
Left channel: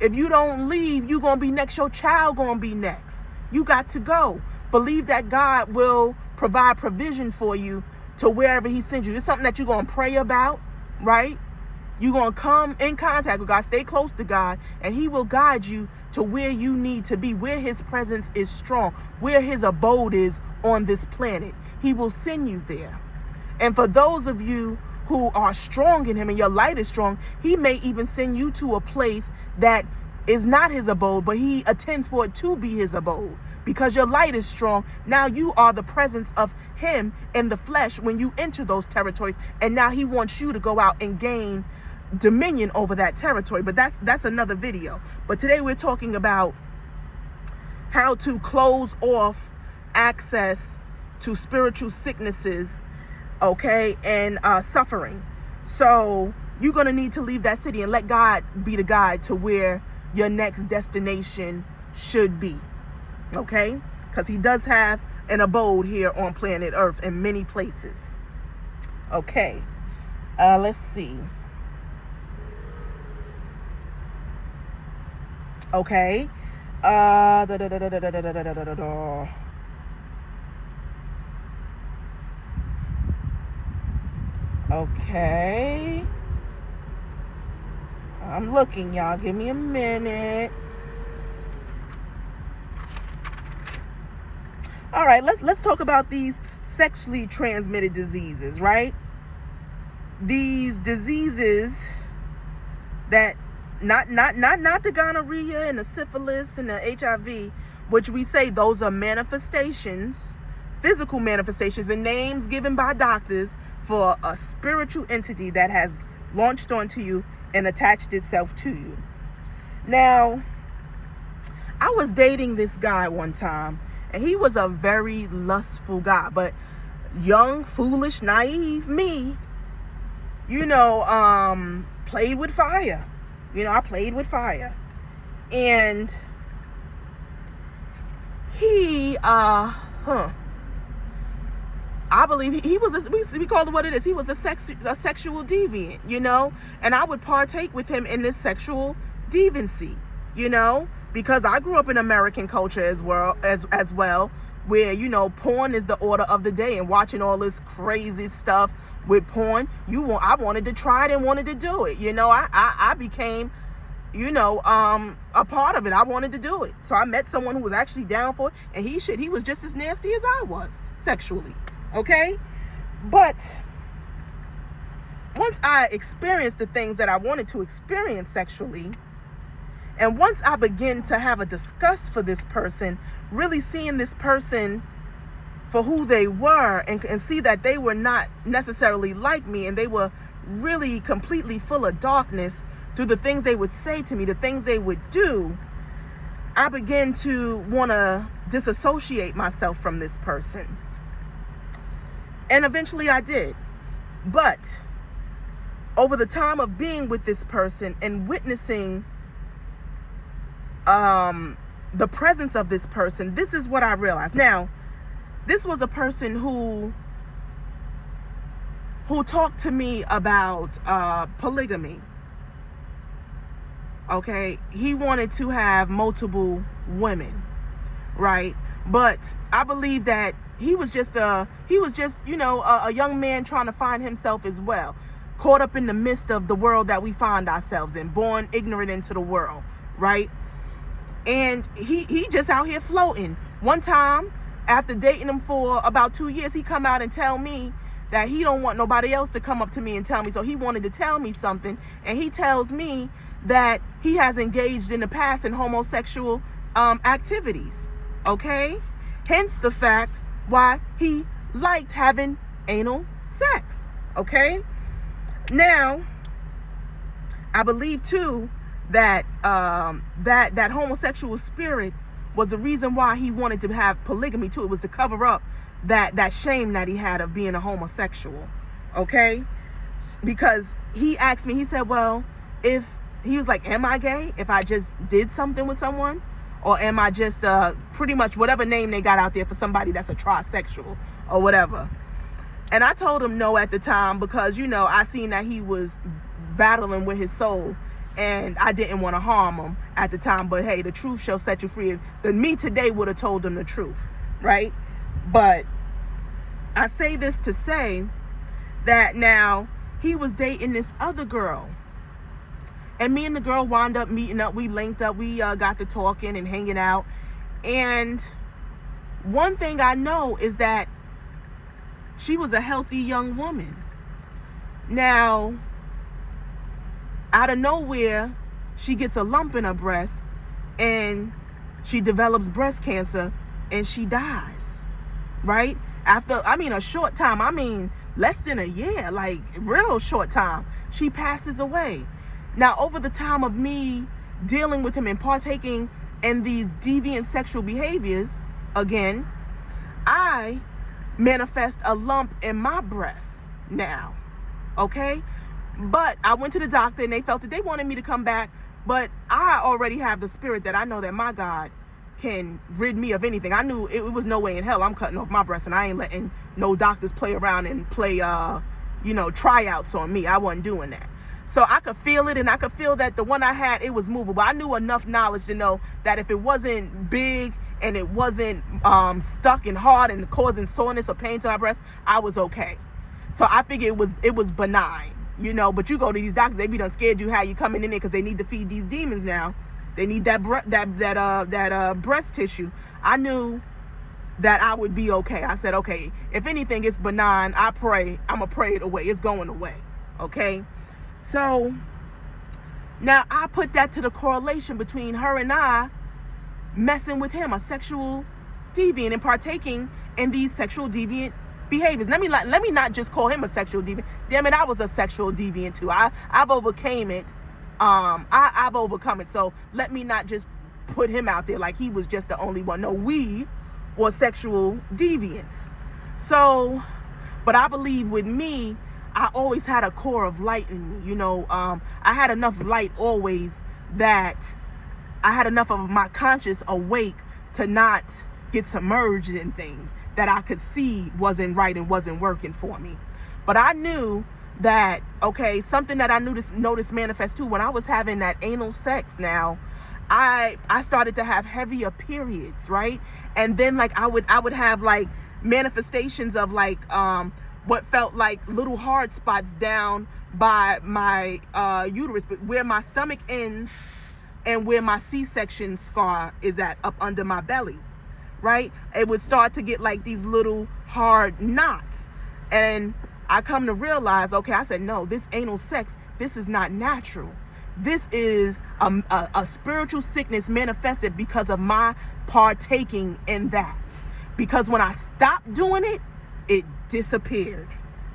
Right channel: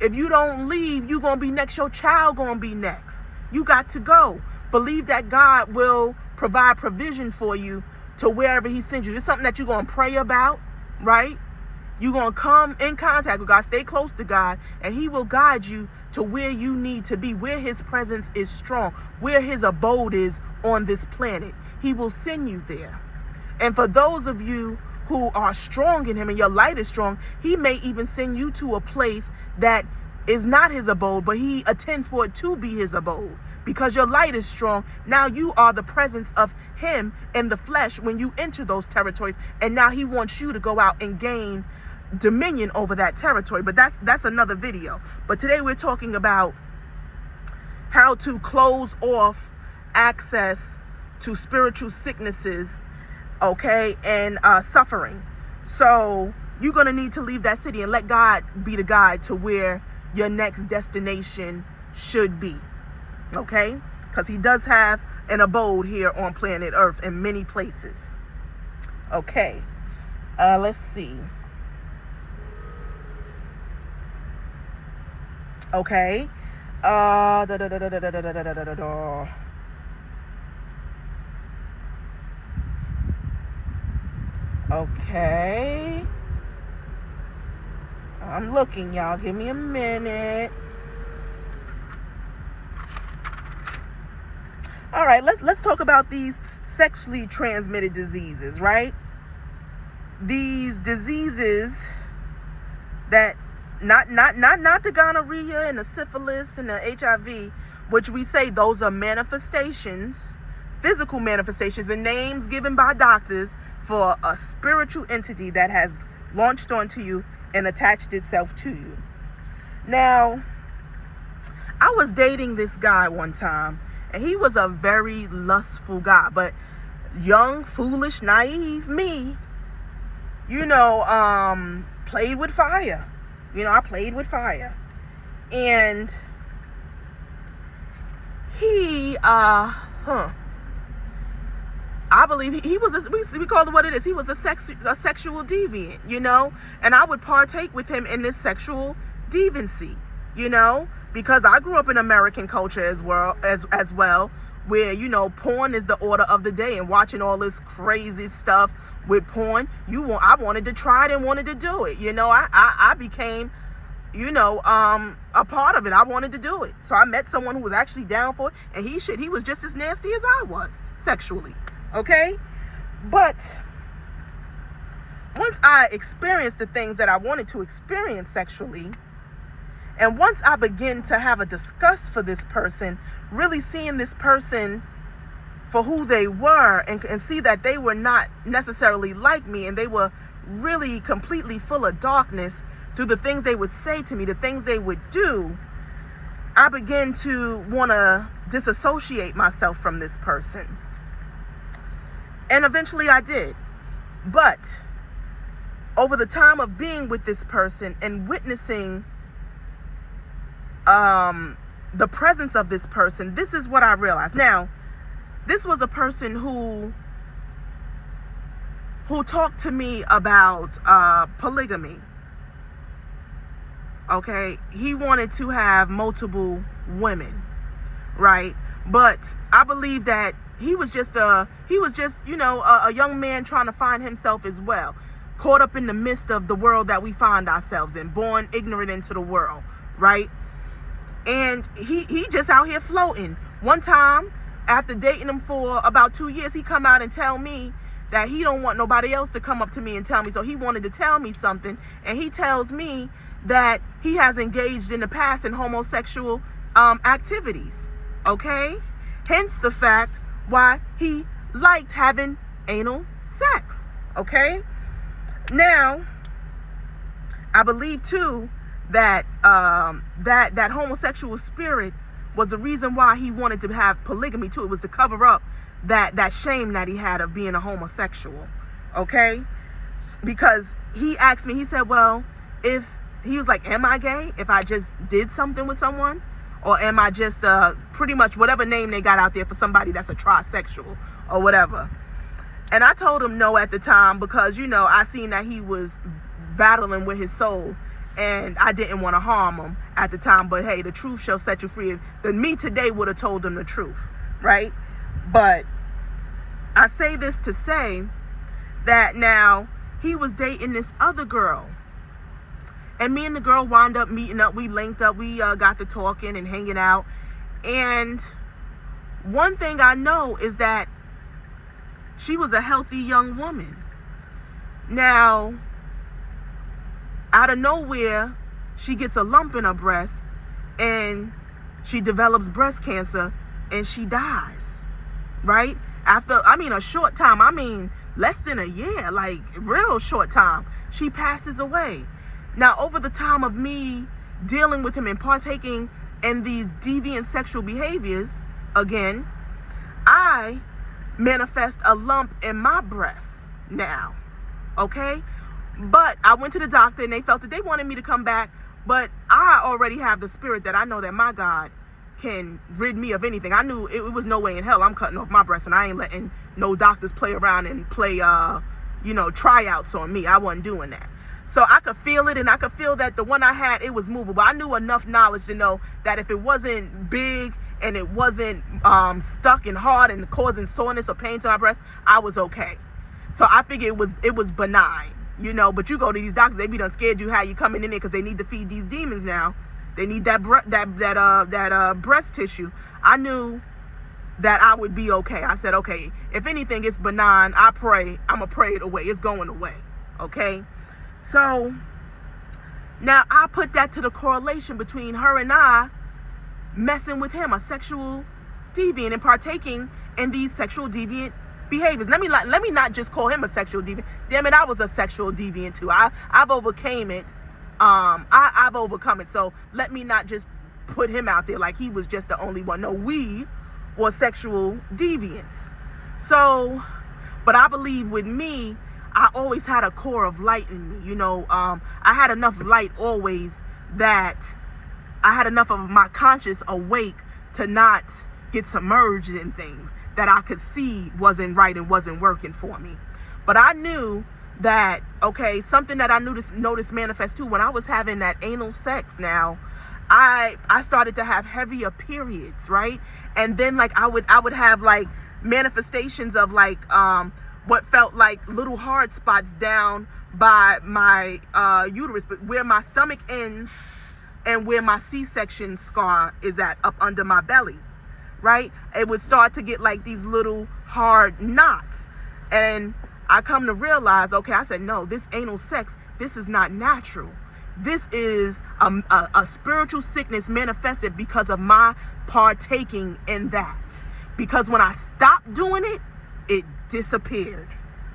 If you don't leave, you gonna be next. Your child gonna be next. You got to go. Believe that God will provide provision for you to wherever he sends you. It's something that you're going to pray about, right? You're going to come in contact with God, stay close to God, and he will guide you to where you need to be, where his presence is strong, where his abode is on this planet. He will send you there. And for those of you who are strong in him and your light is strong, he may even send you to a place that is not his abode, but he attends for it to be his abode. Because your light is strong, now you are the presence of him in the flesh when you enter those territories. And now he wants you to go out and gain dominion over that territory. But that's another video. But today we're talking about how to close off access to spiritual sicknesses, okay, and suffering. So you're going to need to leave that city and let God be the guide to where your next destination should be, okay? Because he does have an abode here on planet Earth in many places. Okay, let's see. Okay, okay, I'm looking, y'all. Give me a minute. All right, let's talk about these sexually transmitted diseases, right? These diseases that not the gonorrhea and the syphilis and the HIV, which we say those are manifestations, physical manifestations and names given by doctors for a spiritual entity that has launched onto you and attached itself to you. Now, I was dating this guy one time, and he was a very lustful guy, but young, foolish, naive me, played with fire. I played with fire. And he, I believe he was, we call it what it is. He was a sexual deviant, and I would partake with him in this sexual deviancy, because I grew up in American culture as well, where, porn is the order of the day, and watching all this crazy stuff with porn, I wanted to try it and wanted to do it. I became, a part of it. I wanted to do it. So I met someone who was actually down for it, and he was just as nasty as I was sexually. Okay? But once I experienced the things that I wanted to experience sexually, and once I began to have a disgust for this person, really seeing this person for who they were, and see that they were not necessarily like me, and they were really completely full of darkness through the things they would say to me, the things they would do, I began to want to disassociate myself from this person. And eventually I did. But over the time of being with this person and witnessing the presence of this person, this is what I realized. Now, this was a person who talked to me about polygamy. Okay, he wanted to have multiple women, right? But I believe that he was just a young man trying to find himself as well, caught up in the midst of the world that we find ourselves in, born ignorant into the world, right? And he just out here floating. One time, after dating him for about 2 years, he come out and tell me that he don't want nobody else to come up to me and tell me. So he wanted to tell me something, and he tells me that he has engaged in the past in homosexual activities. Okay, hence the fact why he liked having anal sex. Okay, now I believe too that that homosexual spirit was the reason why he wanted to have polygamy too. It was to cover up that shame that he had of being a homosexual. Okay, because he asked me, he said, well, he was like, am I gay if I just did something with someone? Or am I just pretty much whatever name they got out there for somebody that's a trisexual or whatever? And I told him no at the time, because, I seen that he was battling with his soul, and I didn't want to harm him at the time. But hey, the truth shall set you free. But me today would have told him the truth, right? But I say this to say that now he was dating this other girl. And me and the girl wound up meeting up. We linked up. We got to talking and hanging out. And one thing I know is that she was a healthy young woman. Now, out of nowhere, she gets a lump in her breast and she develops breast cancer and she dies, right? After, a short time, less than a year, like real short time, she passes away. Now, over the time of me dealing with him and partaking in these deviant sexual behaviors, again, I manifest a lump in my breast now, okay? But I went to the doctor and they felt that they wanted me to come back, but I already have the spirit that I know that my God can rid me of anything. I knew it was no way in hell I'm cutting off my breast, and I ain't letting no doctors play around and play, tryouts on me. I wasn't doing that. So I could feel it, and I could feel that the one I had, it was movable. I knew enough knowledge to know that if it wasn't big and it wasn't stuck and hard and causing soreness or pain to my breast, I was okay. So I figured it was benign, But you go to these doctors, they be done scared you how you coming in there because they need to feed these demons now. They need that breast tissue. I knew that I would be okay. I said, okay, if anything, it's benign. I pray. I'm going to pray it away. It's going away. Okay. So now I put that to the correlation between her and I messing with him, a sexual deviant, and partaking in these sexual deviant behaviors. Let me not just call him a sexual deviant. Damn it, I was a sexual deviant too. I've overcame it. I've overcome it. So let me not just put him out there like he was just the only one. No, we were sexual deviants. So, but I believe with me, I always had a core of light in me. I had enough light always that I had enough of my conscious awake to not get submerged in things that I could see wasn't right and wasn't working for me. But I knew that, okay, something that I noticed manifest too, when I was having that anal sex now, I started to have heavier periods, right? And then like I would have like manifestations of like what felt like little hard spots down by my uterus, but where my stomach ends and where my C-section scar is at, up under my belly, right? It would start to get like these little hard knots. And I come to realize, okay, I said, no, this anal sex, this is not natural. This is a spiritual sickness manifested because of my partaking in that. Because when I stopped doing it, it disappeared,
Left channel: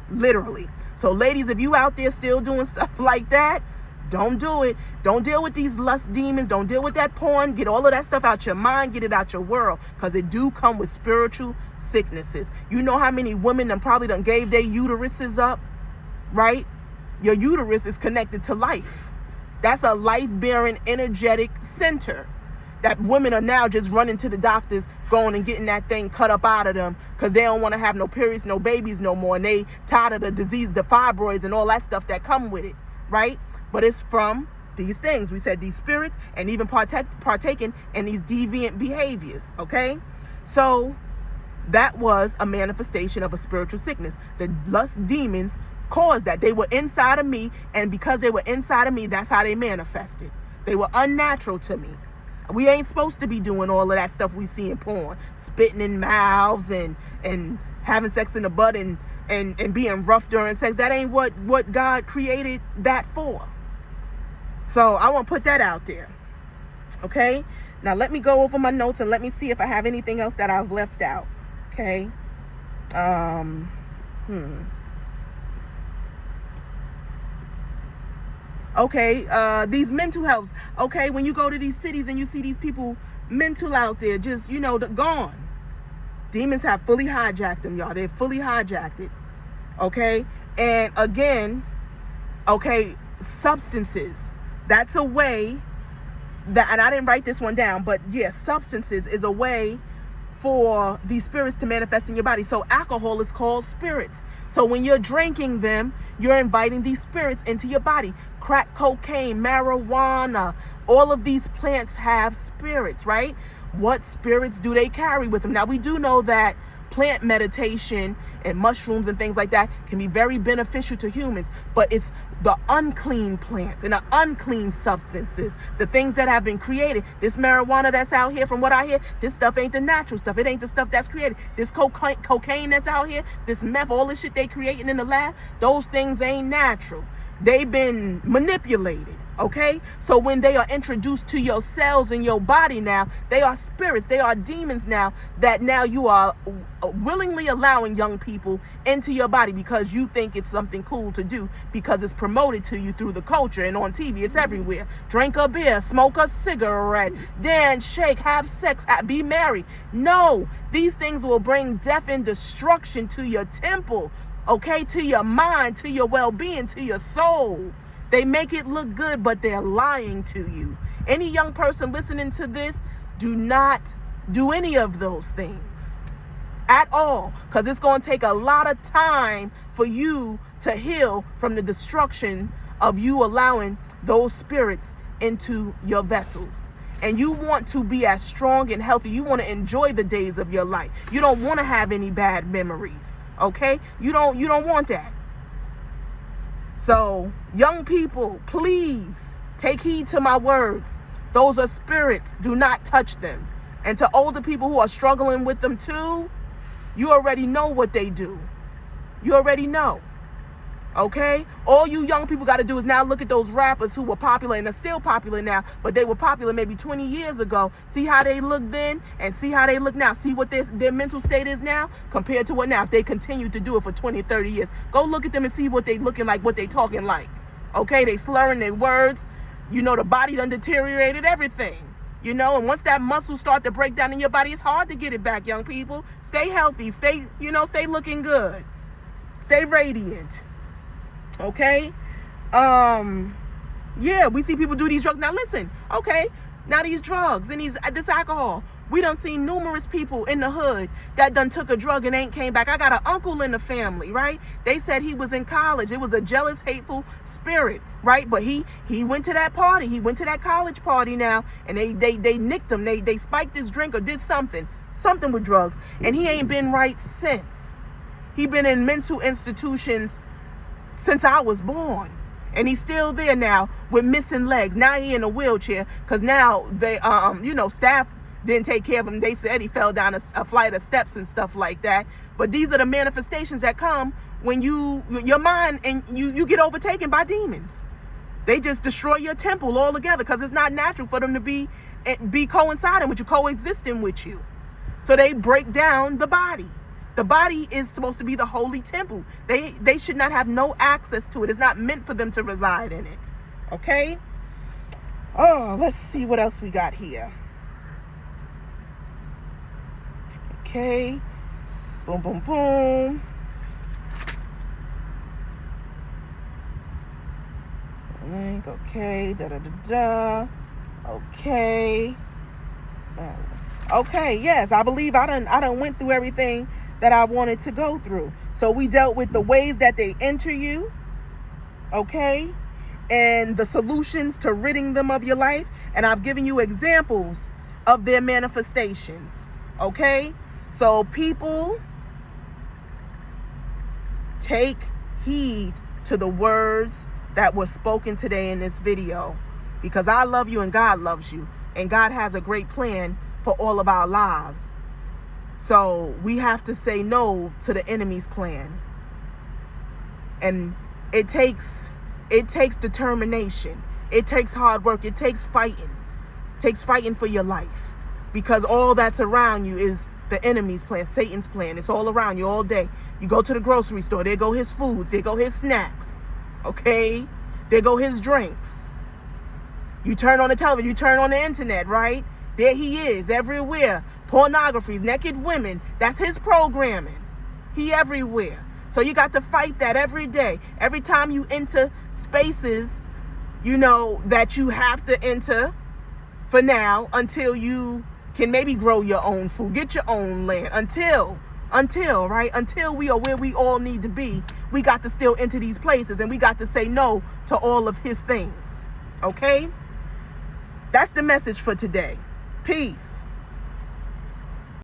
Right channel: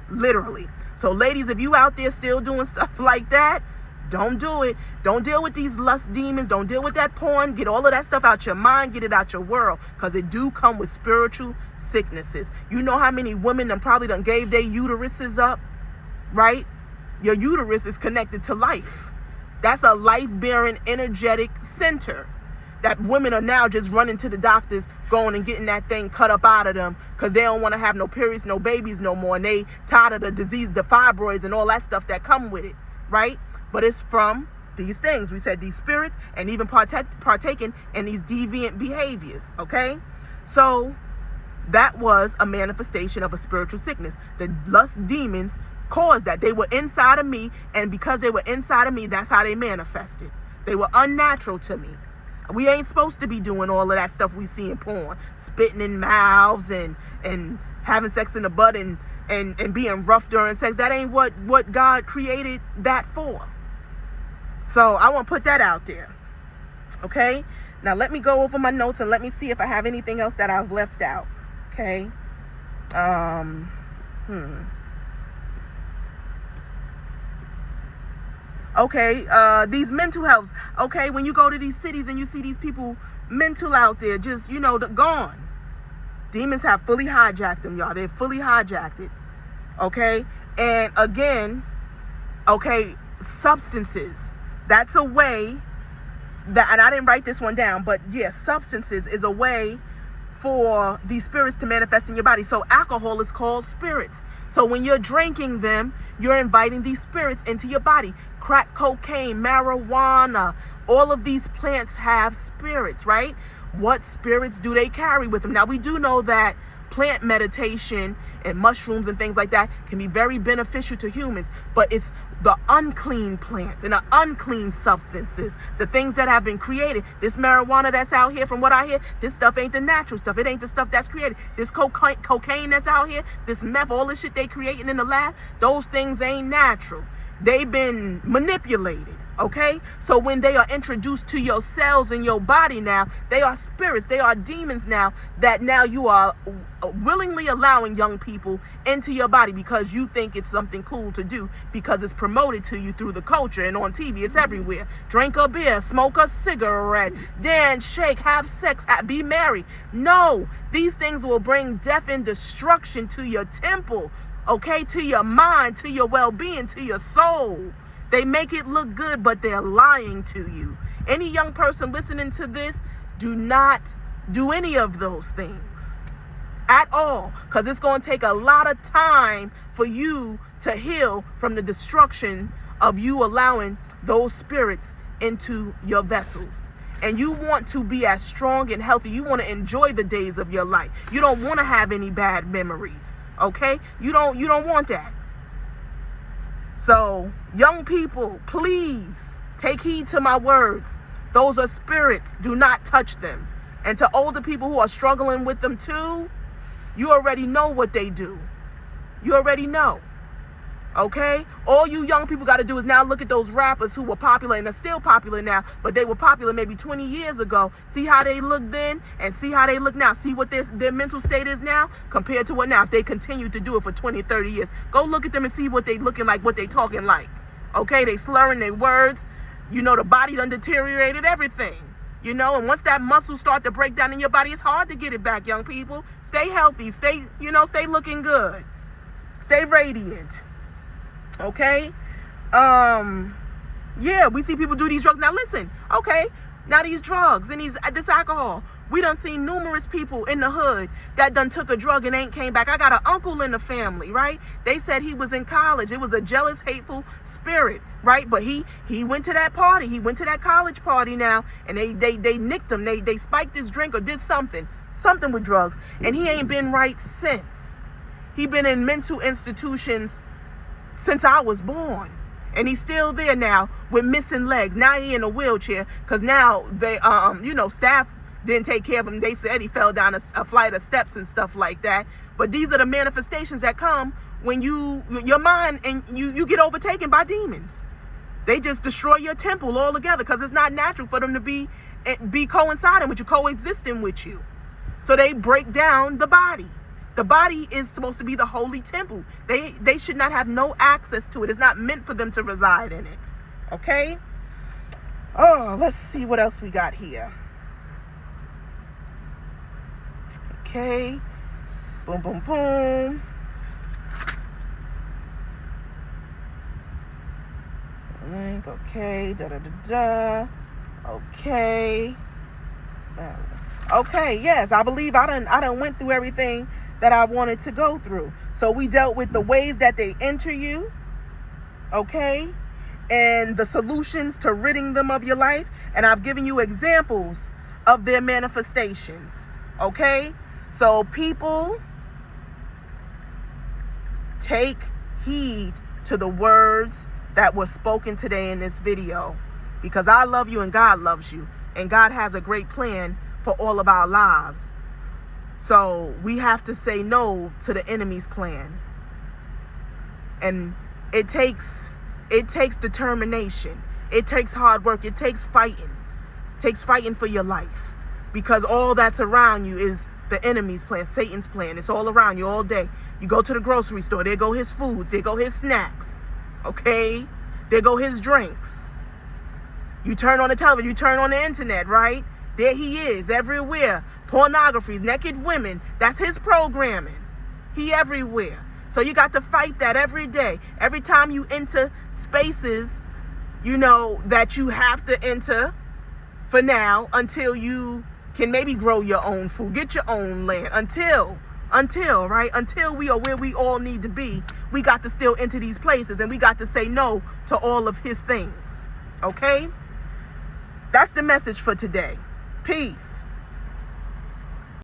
literally. So ladies, if you out there still doing stuff like that, don't do it. Don't deal with these lust demons. Don't deal with that porn. Get all of that stuff out your mind. Get it out your world. Because it do come with spiritual sicknesses. You know how many women probably done gave their uteruses up, right? Your uterus is connected to life. That's a life-bearing energetic center that women are now just running to the doctors, going and getting that thing cut up out of them because they don't want to have no periods, no babies no more. And they tired of the disease, the fibroids and all that stuff that come with it, right? But it's from these things. We said these spirits and even partaking in these deviant behaviors, okay? So that was a manifestation of a spiritual sickness. The lust demons caused that. They were inside of me, and because they were inside of me, that's how they manifested. They were unnatural to me. We ain't supposed to be doing all of that stuff we see in porn, spitting in mouths and having sex in the butt and being rough during sex. That ain't what God created that for. So I want to put that out there. Okay? Now let me go over my notes and let me see if I have anything else that I've left out. Okay? Okay, these mental healths. Okay, when you go to these cities and you see these people mental out there, just, gone. Demons have fully hijacked them, y'all. They're fully hijacked it. Okay? And again, okay, substances. That's a way that, and I didn't write this one down, but yes, substances is a way for these spirits to manifest in your body. So alcohol is called spirits. So when you're drinking them, you're inviting these spirits into your body. Crack cocaine, marijuana, all of these plants have spirits, right? What spirits do they carry with them? Now, we do know that plant meditation and mushrooms and things like that can be very beneficial to humans, but it's the unclean plants and the unclean substances, the things that have been created. This marijuana that's out here, from what I hear, this stuff ain't the natural stuff. It ain't the stuff that's created. This cocaine that's out here, this meth, all this shit they creating in the lab, those things ain't natural. They've been manipulated, okay? So when they are introduced to your cells in your body now, they are spirits, they are demons now, that now you are willingly allowing young people into your body because you think it's something cool to do, because it's promoted to you through the culture and on TV. It's everywhere. Drink a beer, smoke a cigarette, dance, shake, have sex, be merry. No, these things will bring death and destruction to your temple, okay, to your mind, to your well-being, to your soul. They make it look good, but they're lying to you. Any young person listening to this, do not do any of those things at all, because it's going to take a lot of time for you to heal from the destruction of you allowing those spirits into your vessels. And you want to be as strong and healthy. You want to enjoy the days of your life. You don't want to have any bad memories. Okay, you don't want that. So young people, please take heed to my words. Those are spirits. Do not touch them. And to older people who are struggling with them too, you already know what they do. You already know. Okay, all you young people got to do is now look at those rappers who were popular and are still popular now, but they were popular maybe 20 years ago. See how they look then and see how they look now. See what their mental state is now compared to what now. If they continue to do it for 20, 30 years, go look at them and see what they looking like, what they talking like. Okay, they slurring their words. You know, the body done deteriorated everything. You know, and once that muscle start to break down in your body, it's hard to get it back, young people. Stay healthy. Stay looking good. Stay radiant. Okay, yeah, we see people do these drugs. Now listen, okay, now these drugs and this alcohol, we done seen numerous people in the hood that done took a drug and ain't came back. I got an uncle in the family, right? They said he was in college. It was a jealous, hateful spirit, right? But he went to that party. He went to that college party now, and they nicked him. They spiked his drink or did something with drugs, and he ain't been right since. He been in mental institutions since I was born, and he's still there now with missing legs. Now he in a wheelchair because now they staff didn't take care of him. They said he fell down a flight of steps and stuff like that. But these are the manifestations that come when your mind and you get overtaken by demons. They just destroy your temple altogether because it's not natural for them to be coinciding with you, coexisting with you. So they break down the body. The body is supposed to be the holy temple. They should not have no access to it. It's not meant for them to reside in it. Okay? Oh, let's see what else we got here. Okay. Boom, boom, boom. Link, okay. Da, da, da, da. Okay. Okay, yes, I believe I done went through everything that I wanted to go through. So we dealt with the ways that they enter you, okay, and the solutions to ridding them of your life, and I've given you examples of their manifestations, okay? So people, take heed to the words that were spoken today in this video, because I love you and God loves you, and God has a great plan for all of our lives. So we have to say no to the enemy's plan. And it takes determination. It takes hard work. It takes fighting. It takes fighting for your life. Because all that's around you is the enemy's plan, Satan's plan. It's all around you all day. You go to the grocery store, there go his foods, there go his snacks. Okay? There go his drinks. You turn on the television, you turn on the internet, right? There he is, everywhere. Pornography, naked women, that's his programming. He everywhere. So you got to fight that every day. Every time you enter spaces, that you have to enter for now until you can maybe grow your own food, get your own land. Until we are where we all need to be, we got to still enter these places, and we got to say no to all of his things. Okay? That's the message for today. Peace.